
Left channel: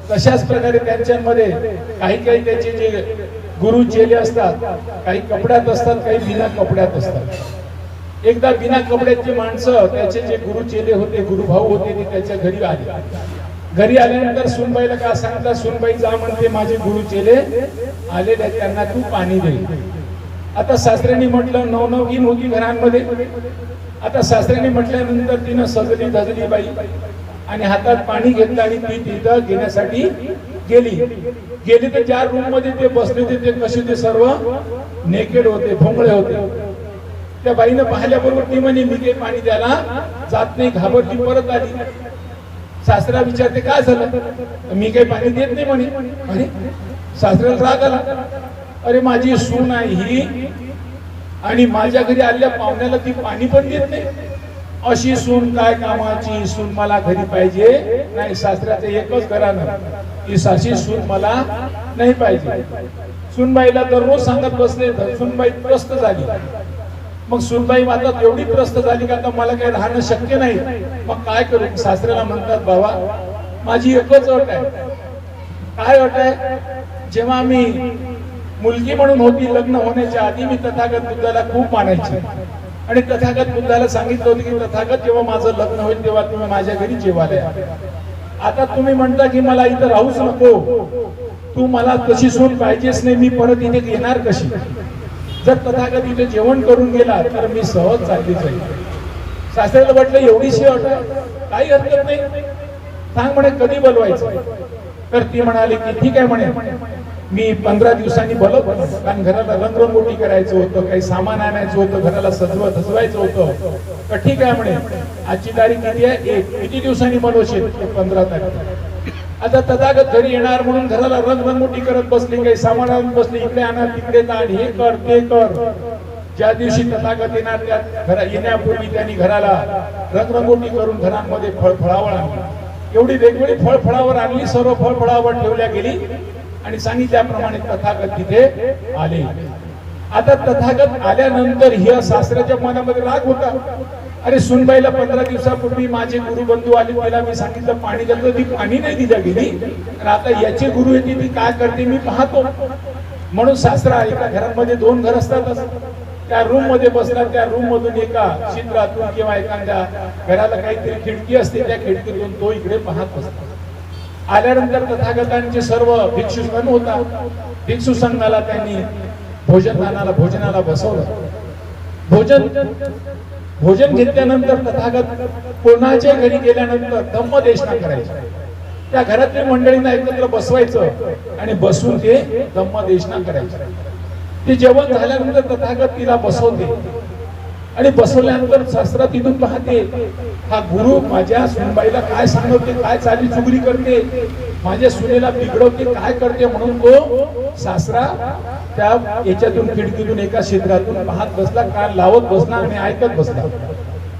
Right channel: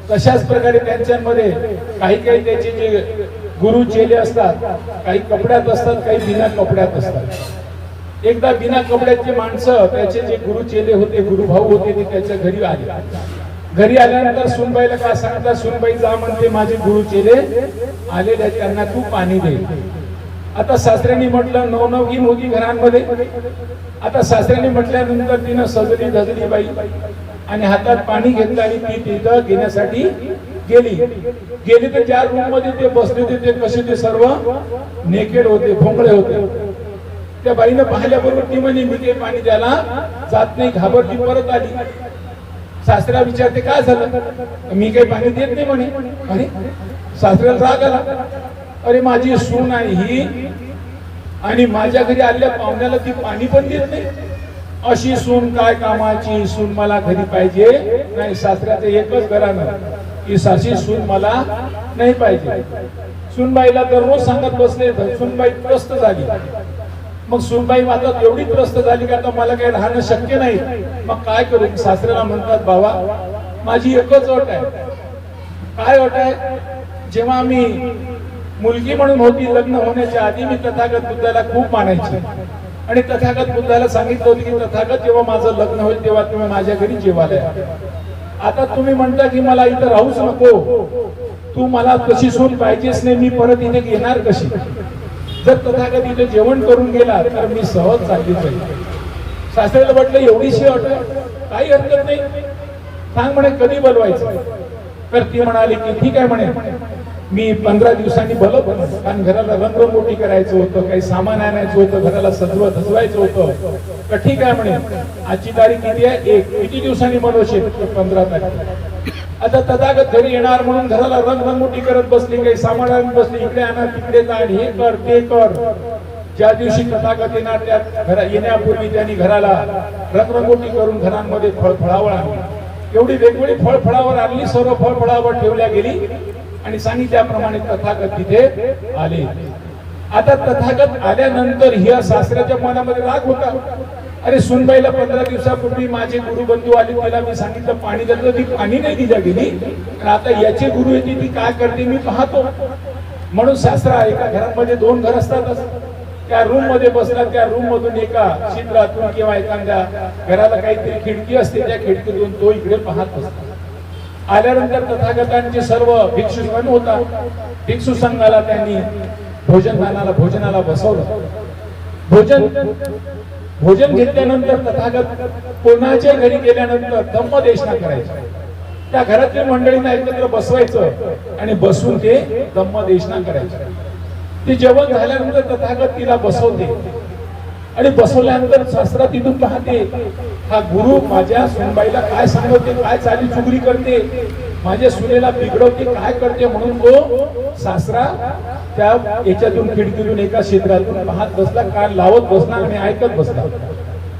तशाच प्रकारे त्यांच्यामध्ये काही त्याचे जे गुरु चेले असतात, काही कपड्यात असतात, काही बिना कपड्यात असतात. एकदा बिना कपड्याचे माणसं, त्याचे जे गुरु चेले होते, गुरुभाऊ होते, ते त्याच्या घरी आले. घरी आल्यानंतर सुनबाईला काय सांगितलं, सुनबाई जा म्हणते, माझे गुरु चेले आलेले, त्यांना तू पाणी दे. आता सासऱ्यांनी म्हटलं, नवनवीन होती घरांमध्ये. आता सासऱ्यांनी म्हटल्यानंतर तिनं सजली धजली बाई आणि हातात पाणी घेतलं आणि ती तिथं घेण्यासाठी गेली तर 4 रूम मध्ये ते बसले होते. ते कसे, ते सर्व नेकेड होते, भोंगळे होते. त्या बाईनं पाहिल्याबरोबर ती म्हणे, मी काही पाणी द्यायला जात नाही. घाबरली, परत आली. सासरा विचारते, काय झालं? मी काही पाणी देत नाही म्हणे. अरे, सासऱ्याला राग आला. अरे, माझी सून आहे ही आणि माझ्या घरी आलेल्या पाहुण्याला ती पाणी पण देत नाही. अशी सून काय कामाची, सून मला घरी पाहिजे नाही. सासऱ्याचं एकच घराणं की साशी सून मला नाही पाहिजे. सूनबाईला दररोज सांगत बसले, सूनबाई त्रस्त झाली. मग सूनबाई आता एवढी त्रस्त झाली की आता मला काही राहणं शक्य नाही. मग काय करू? सासऱ्याला म्हणतात, बाबा माझी एकच अट आहे. काय अट आहे? जेव्हा मी मुलगी म्हणून होती, लग्न होण्याच्या आधी मी तथागत बुद्धाला खूप मानायची आणि तथागत बुद्धाला सांगितलं होतं की तथागत जेव्हा माझं लग्न होईल तेव्हा तुम्ही माझ्या घरी जेवायला या. आता तुम्ही म्हणता की मला इथं राहूच नको, तू मला तशी सून पाहिजेच नाही, मी परत इथे येणार कशी? जर तथागत इथे जेवण करून गेला तर मी सहज चालली जाईल. सासऱ्याला म्हटलं एवढीशी अट आहे, काही हरकत नाही, सांग म्हणे कधी बोलवायचं. तर ती म्हणाली की ठीक आहे म्हणे, मी 15 दिवसांनी बोलवतो, कारण घराला रंगरंगोटी करायचं होतं, काही सामान आणायचं होतं, घराला सजवायचं होतं. तर ठीक आहे म्हणे, आजची तारीख किती आहे? 1. किती दिवसांनी बोलवशील? 15 तारीख. आता तथागत घरी येणार म्हणून घराला रंगरंगोटी करत बसली, काही सामान आणून बसली, इकडे आणा तिकडे आण, हे कर ते कर. ज्या दिवशी तथागत येणार त्या येण्यापूर्वी त्यांनी घराला रंगरंगोटी करून घरांमध्ये फळफळावळ आणली. एवढी वेगवेगळी फळफळावर आणली, सर्व फळफळावर ठेवल्या गेली आणि सांगितल्याप्रमाणे तथागत तिथे आले. आता तथागत आल्यानंतर ह्या सासऱ्याच्या मनामध्ये राग होता. अरे सुनबाईला 15 दिवसापूर्वी माझे गुरुबंधू आले, तिला मी सांगितलं पाणी द्यायचं, ती पाणी नाही दिल्या गेली. आणि आता याचे गुरु येते, ती काय करते मी पाहतो. म्हणून सासरा एका घरामध्ये 2 घर असतात, त्या रूम मध्ये बसला, त्या रूम मधून एका छिद्रातून किंवा एखाद्या घराला काहीतरी खिडकी असते, त्या खिडकीतून तो इकडे पाहत असतो. आल्यानंतर तथागतांचे सर्व भिक्षू संघ होता, भिक्षू संघाला त्यांनी भोजनाला बसवलं. भोजन घेतल्यानंतर तथागत कोणाच्या घरी गेल्यानंतर धम्मदेशना करायची. त्या घरातल्या मंडळींना एकत्र बसवायचं आणि बसून ते धम्मदेशना करायचे. ते जेवण झाल्यानंतर तथागत तिला बसवते आणि बसवल्यानंतर सासरा तिथून पाहते, हा गुरु माझ्या सुनबाईला काय सांगते, काय चाली चुगली करते, माझ्या सुनेला बिघडवते, काय करते. म्हणून तो सासरा त्या याच्यातून खिडकीतून एका छिद्रातून पाहत बसला, कान लावत बसला आणि ऐकत बसला.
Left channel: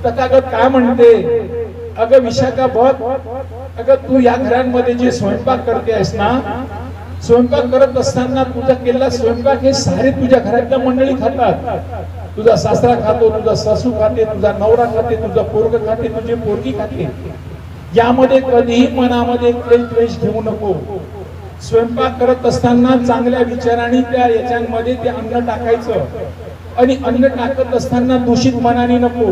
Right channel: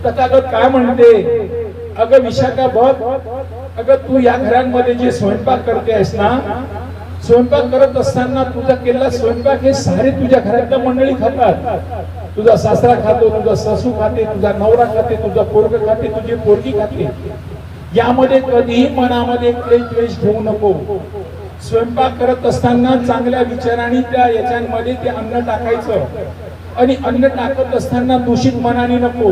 तथागत काय म्हणते, अगं विशाखा बघ, अगं तू या घरांमध्ये जे स्वयंपाक करते आहेस ना, स्वयंपाक करत असताना तुझा केलेला स्वयंपाक हे सारे तुझ्या घरातल्या मंडळी खातात. तुझा सासरा खातो, तुझा सासू खाते, तुझा नवरा खाते, तुझा पोरग खाते, तुझी पोरगी खाते. यामध्ये कधीही मनामध्ये क्लेश ठेवू नको. स्वयंपाक करत असताना चांगल्या विचारांनी त्या याच्यामध्ये ते अन्न टाकायचं आणि अन्न टाकत असताना दूषित मनाने नको.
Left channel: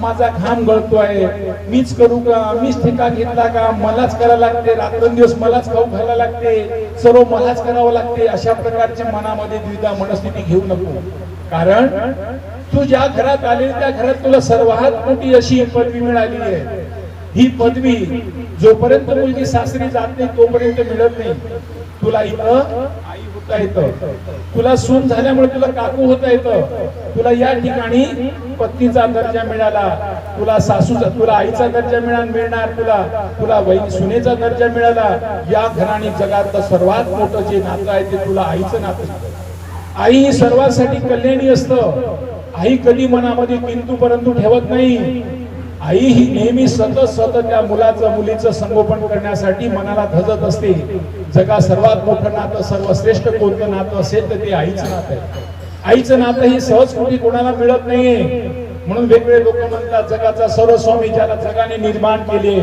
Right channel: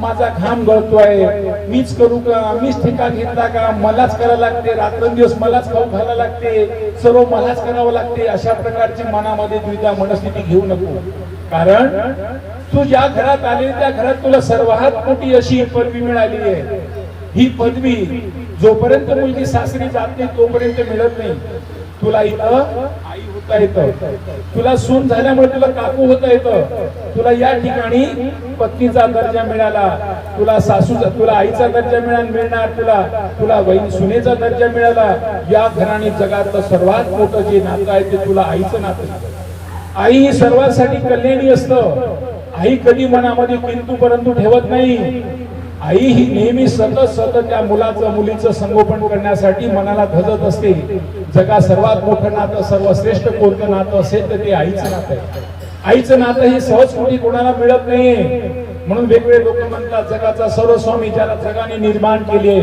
माझा घाम गळतोय, मीच करू का, मीच ठिका घेतला का, मलाच करायला लागते, रात्रंदिवस मलाच खाऊ घालायला लागते, सर्व मलाच करावं लागते, अशा प्रकारच्या मनामध्ये द्विधा मनस्थिती घेऊ नको. कारण तू ज्या घरात आले त्या घरात तुला सर्वात मोठी अशी पदवी मिळालेली आहे. ही पदवी जोपर्यंत मुलगी सासरी जात नाही तोपर्यंत मिळत नाही. तुला इथं आई होता येतं, तुला सून झाल्यामुळे तुला काकू होता येतं, तुला या ठिकाणी पत्नीचा दर्जा मिळाला, तुला तुला आईचा दर्जा मिळणार, तुला बहीण सुनेचा दर्जा मिळाला. या घराने जगातलं सर्वात मोठं जे नातं आहे ते तुला आईचं नातं. आई ही सर्वांसाठी कल्याणी असतं. आई कधी मनामध्ये किंतु परंतु ठेवत नाही. आई ही नेहमी सतत त्या मुलीचं संगोपन करण्यासाठी मनाला धजत असते. जगा सर्वात मोठं नातं, सर्वश्रेष्ठ कोणतं नातं असेल तर ते आईचं नातं आहे. आईचं नातं हे सहज कुठे कोणाला मिळत नाहीये. म्हणून वेगवेगळे लोक म्हणतात जगाचा सर्वस्वामी ज्याला जगाने निर्माण केले,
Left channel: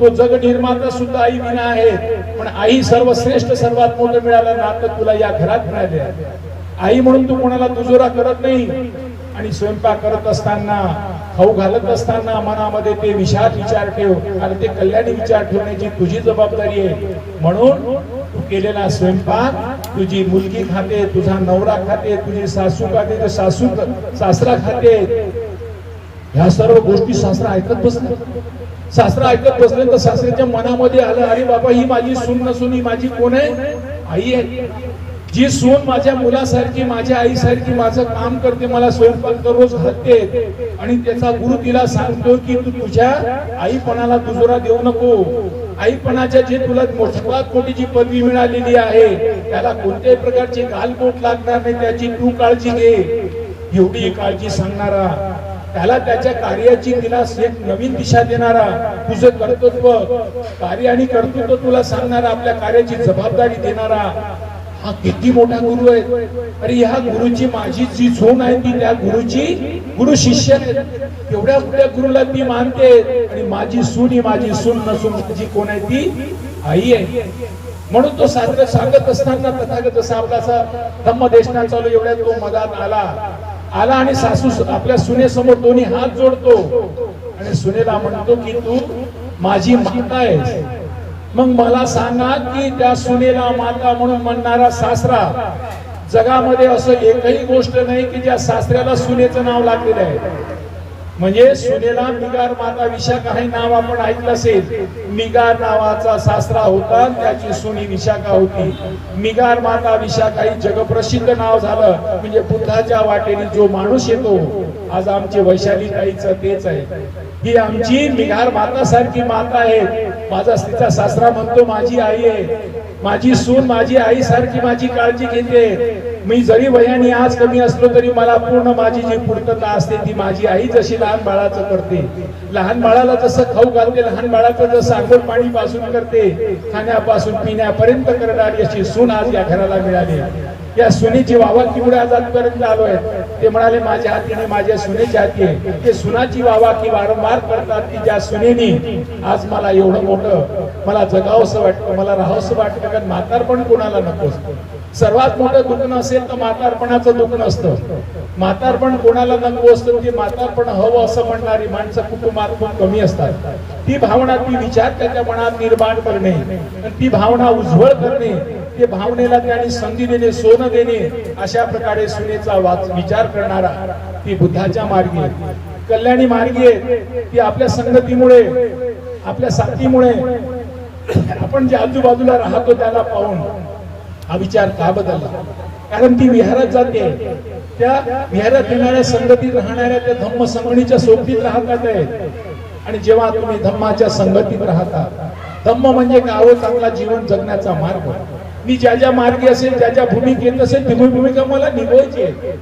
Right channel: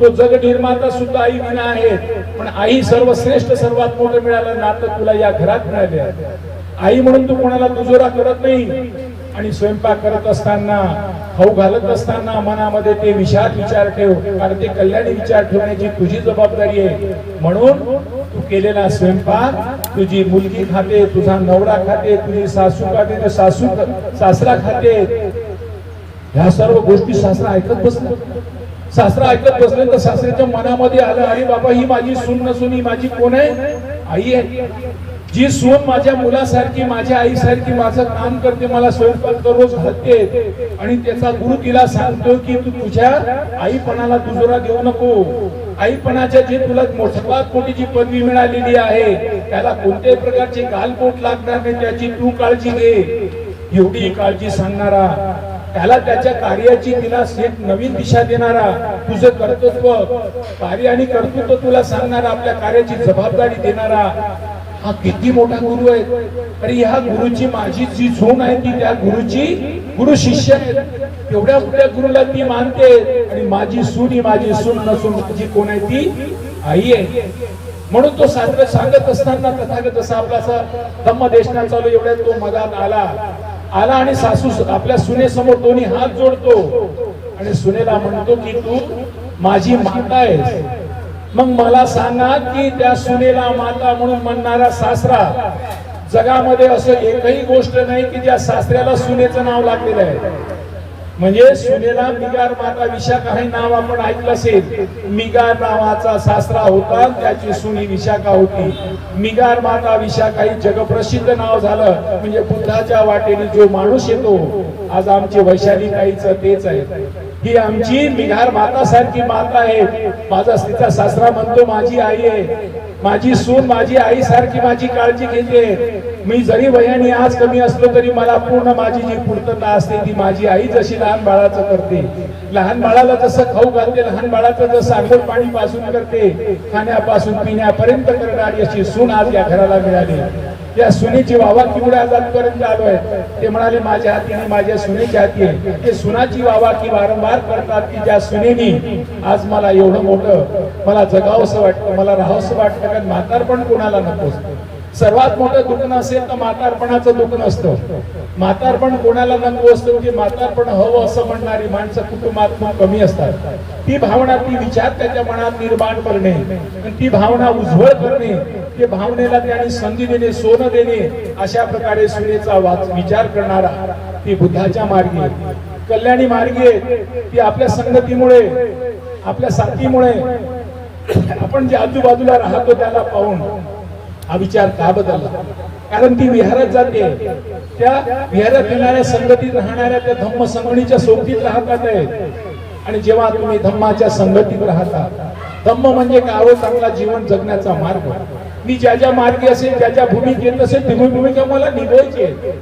तो जग निर्माता सुद्धा आई विना आहे. पण आई सर्वश्रेष्ठ सर्वात मोठं मिळालं नातं तुला या घरात मिळाले. आई म्हणून तू कोणाला दुजोरा करत नाही. आणि स्वयंपाक करत असताना, खाऊ घालत असताना मनामध्ये ते विचार ठेव, कारण ते कल्याणी विचार ठेवण्याची तुझी जबाबदारी आहे. म्हणून तू केलेला स्वयंपाक तुझी मुलगी खाते, तुझा नवरा खाते, तुझी सासू खाते, सासरा खाते. ह्या सर्व गोष्टी सासरा ऐकत बसला. सासरा ऐकत बसले तर सासऱ्याच्या मनामध्ये आलं, अरे बाबा ही माझी सून नसून ही माझी कोण आहे? आई आहे. जी सून माझ्या मुलासारखी, माझ्या आईसारखी माझं काम करते, मला स्वयंपाक दररोज घालते आणि त्याचा गुरु तिला सांगतो की तू तुझ्या आईपणाला दुजोरा देऊ नको. आईपणाच्या जे तुला सर्वात मोठी जी पदवी मिळालेली आहे त्याला कोणत्याही प्रकारची गालबोट लागणार नाही, त्याची तू काळजी घे. एवढी काळजी सांगणारा त्याला त्याच्या कार्याची तिला एक नवीन दिशा देणारा, तुझं कर्तृत्व कार्य आणि कर्तृत्व तुला सांगणारा, आपल्या कार्याची जबाबदारी देणारा हा किती मोठा गुरु आहे. अरे ह्या गुरुची माझी जी झोन आहे ती त्या गुरुची गुरु शिष्य आहे. एवढ्या मोठ्या गुरुला ती मानते आणि माझी सून नसून माझी कोण आहे ती आई आहे. म्हणून तो सांगत असताना तथागत जसा आपला धम्मदेशना चालू एवढ्या तो मधात आला आणि सासू आपल्या सुनेसमोर दोन्ही हात जोडतो आणि सुनेला म्हणतो की तू माझी माता आहेस. मग मला सांगा की त्या सुनेला माता म्हणून म्हणणारा सासरा जगामध्ये असं एकही गोष्ट नाही की ज्या सासऱ्याला सुनेचं नाव लागलेलं आहे. म्हणजे सुनेला मिगार माता विशाखा हे नाव आपण ऐकलं असेल. मिगार नावाचा सासरा होता, त्याची सुनी विशाखा होती. मिगार माता विशाखा ही जगप्रसिद्ध नाव झालं. म्हणजे बुद्धाच्या वाटेने जो माणूस येतो, आज आमची वैशाली ताईचं तेच आहे. ही आमची मिगार माता सारखी माता आहे. माझा तिचा सासरा म्हणतो माझी आई आहे, माझी सून माझी आई सारखी माझी काळजी घेते. मी जरी वयाने आज कमी असलो तरी मला पूर्ण माझी जी पूर्तता असते ती माझी आई जशी लहान बाळाचं करते. लहान बाळाला जसं खाऊ घालते, लहान बाळाचं जसं आंघोळ पाणी पासून करते, खाण्यापासून पिण्यापर्यंत करणारी अशी सून आज या घराला मिळाली. या सुनेची वावाकीमुळे आज आजपर्यंत आलोय. ते म्हणाले माझ्या हातीने माझ्या सुनेच्या हाती आहे. ते सुनाची वावाकी वारंवार करतात की ज्या सुनेनी आज मला एवढं मोठं मला जगावंसं वाटतं, मला राहावंसं वाटतं. कारण म्हातारपण कोणाला नको असतं. सर्वात मोठं दुःख नसेल तर म्हातारपणाचं दुःख नसतं. म्हातारपण कोणाला नको असतं. म्हणजे म्हातारपण हवं असं म्हणणारी माणसं कुटुंबात खूप कमी असतात. ती भावना ती विचार त्याच्या मनात निर्माण करणे आणि ती भावना उज्ज्वल करणे, ते भावनेला त्याने संधी देणे, सोनं देणे, अशा प्रकारे सुनेचा विचार करणारा ती बुद्धाच्या मार्गी आहे. कल्याणी मार्गी आहे. ती आपल्या संगतीमुळे आपल्या साथीमुळे आपण जे आजूबाजूला राहतो त्याला पाहून हा विचार का बदलला. कारण ती विहारात जाते, त्या विहारात येणाऱ्या संगतीत राहणाऱ्या त्या धम्म संगणीच्या सोबतीत राहतात आहे. आणि जेव्हा तुम्ही धम्माच्या संगतीत राहता, धम्म म्हणजे गावं चांगला जीवन जगण्याचा मार्ग. मी ज्या ज्या मार्गी असेल, ज्या ज्या भूमिकेत असेल ती भूमिका मला निभवायची आहे.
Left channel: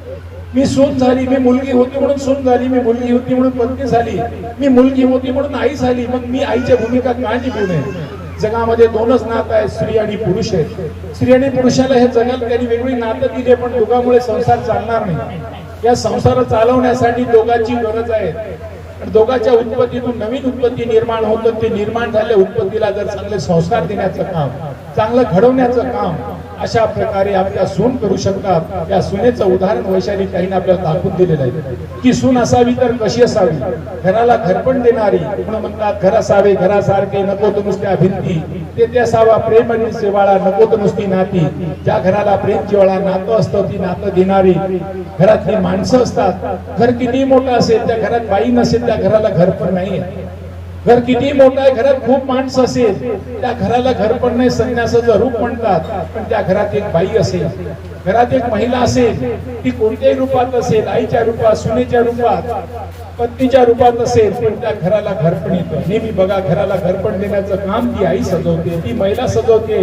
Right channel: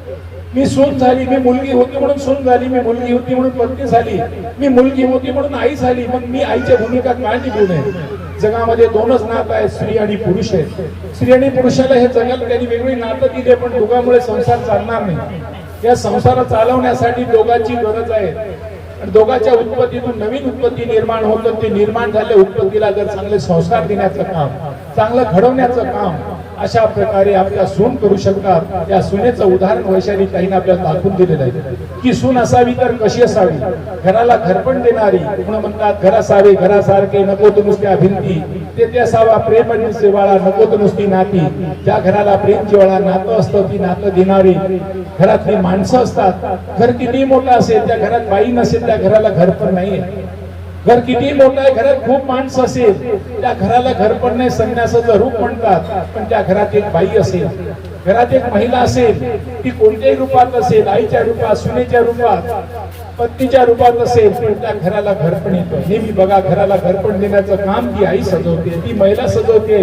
मी सून झाली, मी मुलगी होती म्हणून सून झाली, मी मुलगी होती म्हणून पत्नी झाली, मी मुलगी होती म्हणून आई झाली. मग मी आईच्या भूमिका का निभवू नये. जगामध्ये दोनच नातं आहेत, स्त्री आणि पुरुष आहेत. स्त्री आणि पुरुषाला हे जगात त्यांनी वेगळी नातं दिले, पण दोघांमुळे संसार चालणार नाही. या संसार चालवण्यासाठी दोघांची गरज आहे. दोघांच्या उत्पत्तीतून नवीन उत्पत्ती निर्माण होतं. ते निर्माण झालेल्या उत्पत्तीला जर चांगले संस्कार देण्याचं काम, चांगलं घडवण्याचं काम अशा प्रकारे आपल्या सून करू शकतात. या सुनेचं उदाहरण वैशाली ताईने आपल्याला दाखवून दिलेलं आहे की सून असावी तर कशी असावी. घराला घरपण देणारी. पुन्हा म्हणतात घर असावे घरासारखे, नको तर नुसत्या भिंती. ते असावा प्रेम आणि जिव्हाळा, नको तर नुसती नाती. ज्या घराला प्रेम जिव्हाळा नातं असतं ती नातं देणारी घरातली माणसं असतात. घर किती मोठं असेल, त्या घरात बाई नसेल त्या घराला घरपण नाही. घर किती मोठं आहे, घरात खूप माणसं असेल त्या घराला घरपण नाही, संन्यासाचं रूप म्हणतात. पण त्या घरात एक बाई असेल, घरात एक महिला असेल, ती कोणत्याही रूपात असेल, आईच्या रूपात, सुनेच्या रूपात, पत्नीच्या रूपात असेल, तर त्या घराला घरपण येतं. नेहमी बघा, घराला घरपण देण्याचं काम ती आई सजवते, ती महिला सजवते,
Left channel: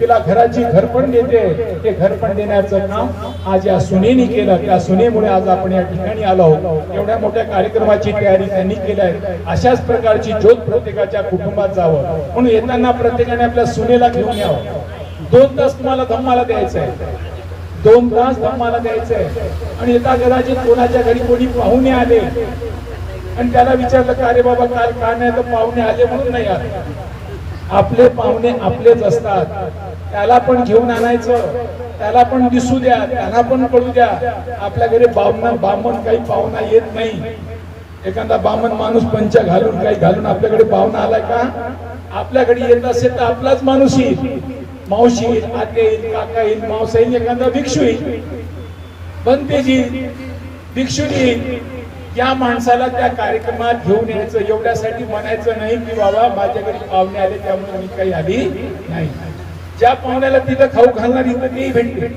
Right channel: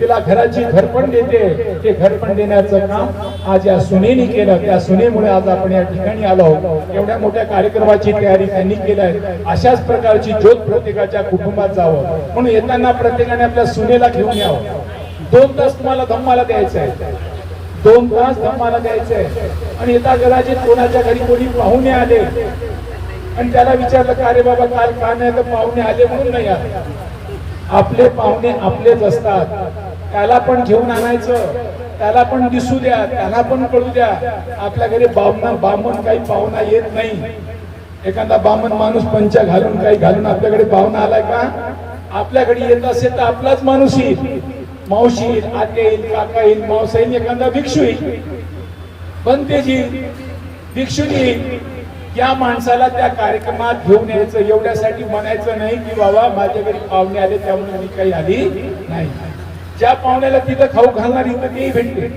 तिला घराची घरपण देते. ते घरपण देण्याचं काम आज या सुनेनी केलं. त्या सुनेमुळे आज आपण या ठिकाणी आलो. एवढ्या मोठ्या कार्यक्रमाची तयारी त्यांनी केली आहे. अशाच प्रकारची ज्योत प्रत्येकाच्या कुटुंबात जावं म्हणून येताना प्रत्येकाने आपल्या सुनेला घेऊन यावं. 2 तास तुम्हाला धम्माला द्यायचं आहे, 2 तास धम्माला द्यायचं आहे. आणि येता घराचे कोणाच्या घरी कोणी पाहुणे आले आणि त्याला विचारलं का रे बाबा काल का नाही, तर पाहुणे आले म्हणून नाही आले. आपले पाहुणे आपलेच असतात. त्याला पण घेऊन आणायचं, त्याला पण दिसू द्या, त्याला पण कळू द्या. आपल्या घरी बामण काही पाहुणा येत नाही. एखादा बामण माणूस पंचा घालून काही घालून आपल्याकडे पाहुणा आलाय का? आपल्याकडे येत असेल तर आपलाच माणूस येईल, मावशी येईल, आते येईल, काका येईल, मावसा येईल, एखादा भिक्षू येईल, बनतेजी भिक्षू येईल. या माणसाला त्या कार्यक्रमात घेऊन यायचं. एवढ्यासाठी म्हणायचं नाही की बाबा माझ्या घरी पाहुणे आले त्यामुळे मी काही आली नाही. ज्या पाहुण्याला तिथं खाऊ घालणार इथं तेही भेटते.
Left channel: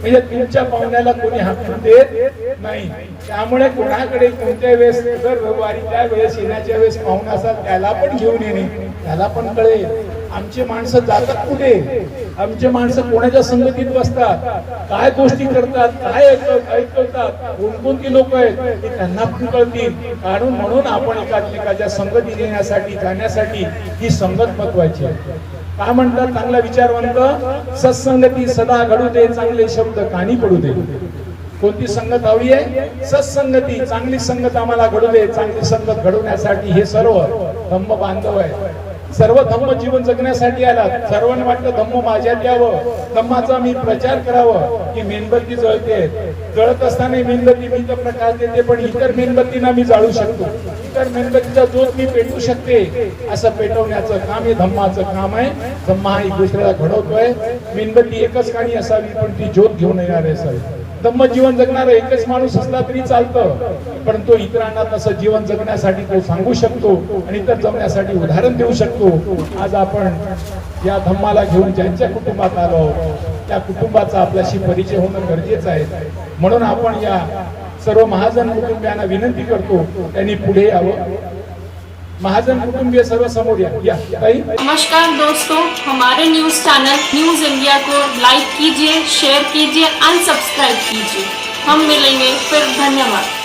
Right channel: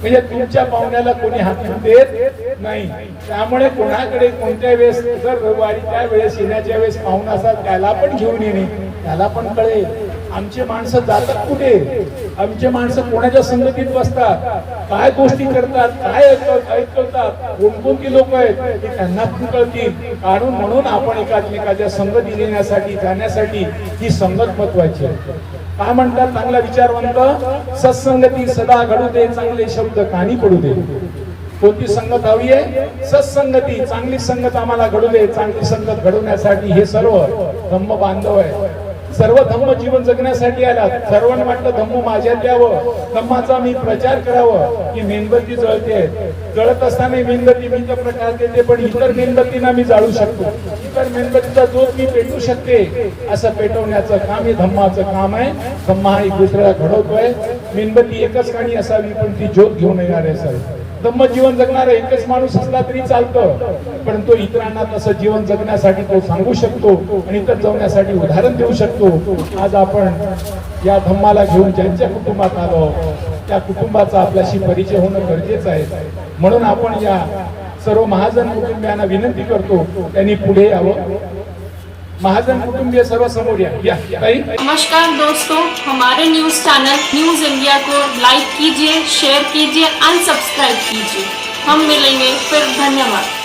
म्हणजे तुमच्या पाहुण्याला कोणी हात देत नाही. त्यामुळे कोणाकडे कोणत्या वेळेस जर रविवारी त्या वेळेस येण्याच्या वेळेस पाहुणा असा त्याला पण घेऊन येणे, त्याला पण कळेल आमचे माणसं जातात कुठे, आमचे माणसं कोणाच्या संगतीत बसतात, काय गोष्टी करतात, काय ऐकवतात, कोणकोणती लोक आहेत हे त्यांना पण कळतील. कारण म्हणून आपण एकामेकाच्या संगती देण्यासाठी जाण्यासाठी ही संगत महत्वाची आहे. काय म्हणतात चांगला विचारवंत, सत्संगती सदा घडू दे, चांगले शब्द कानी पडू दे. कोणती संगत हवी आहे? सत्संगती, चांगली संगत आम्हाला घडू दे. चांगली संगत घडवण्यासाठी हे सर्व धम्म बांधव आहे, सर्व धम्म जीवन जगण्यासाठी आलात. सर्वांना वाटतं धम्म माझ्यात यावं, धम्माचा मी प्रचार करावं. की मेणबत्ती जळते, जळत असताना मेणबत्ती मी तर प्रकाश देते, पण इतर मेणबत्तींना मी जाळू शकतो, इतर मेणबत्तीचा ज्योत मी पेटवू शकते. असं पेटवण्याचं काम हे धम्माचं काम आहे. धम्मा हा एक दुसऱ्याला घडवतोय. मेणबत्ती एकच काणी असावी, पण ती ज्योत घेऊन येणारी असावी. धम्म जीवन जगणारा एकच माणूस असला तरी चालतं, परंतु इतरांना तसं जीवन जगण्यासाठी तो सांगू शकतो आणि इतर जगण्यासाठी उदाहरण देऊ शकतो. आज आपण या धम्माला घेऊन ज्यांच्या कुटुंबात आलो त्या कुटुंबाचा आपल्याशी परिचय होणं गरजेचं आहे. म्हणून आपण या सर्व महाजन कुटुंबियांना विनंती करतो त्यांनी पुढे यावं. महाजन कुटुंबीय सर्व समोर या. नमस्कार दोस्तों, हमारे न्यूज चैनल न्यूज इंडिया को लाइक कीजिए, शेयर कीजिए, अनसब्सक्राइब कीजिए. हम मिलेंगे फिर. धन्यवाद.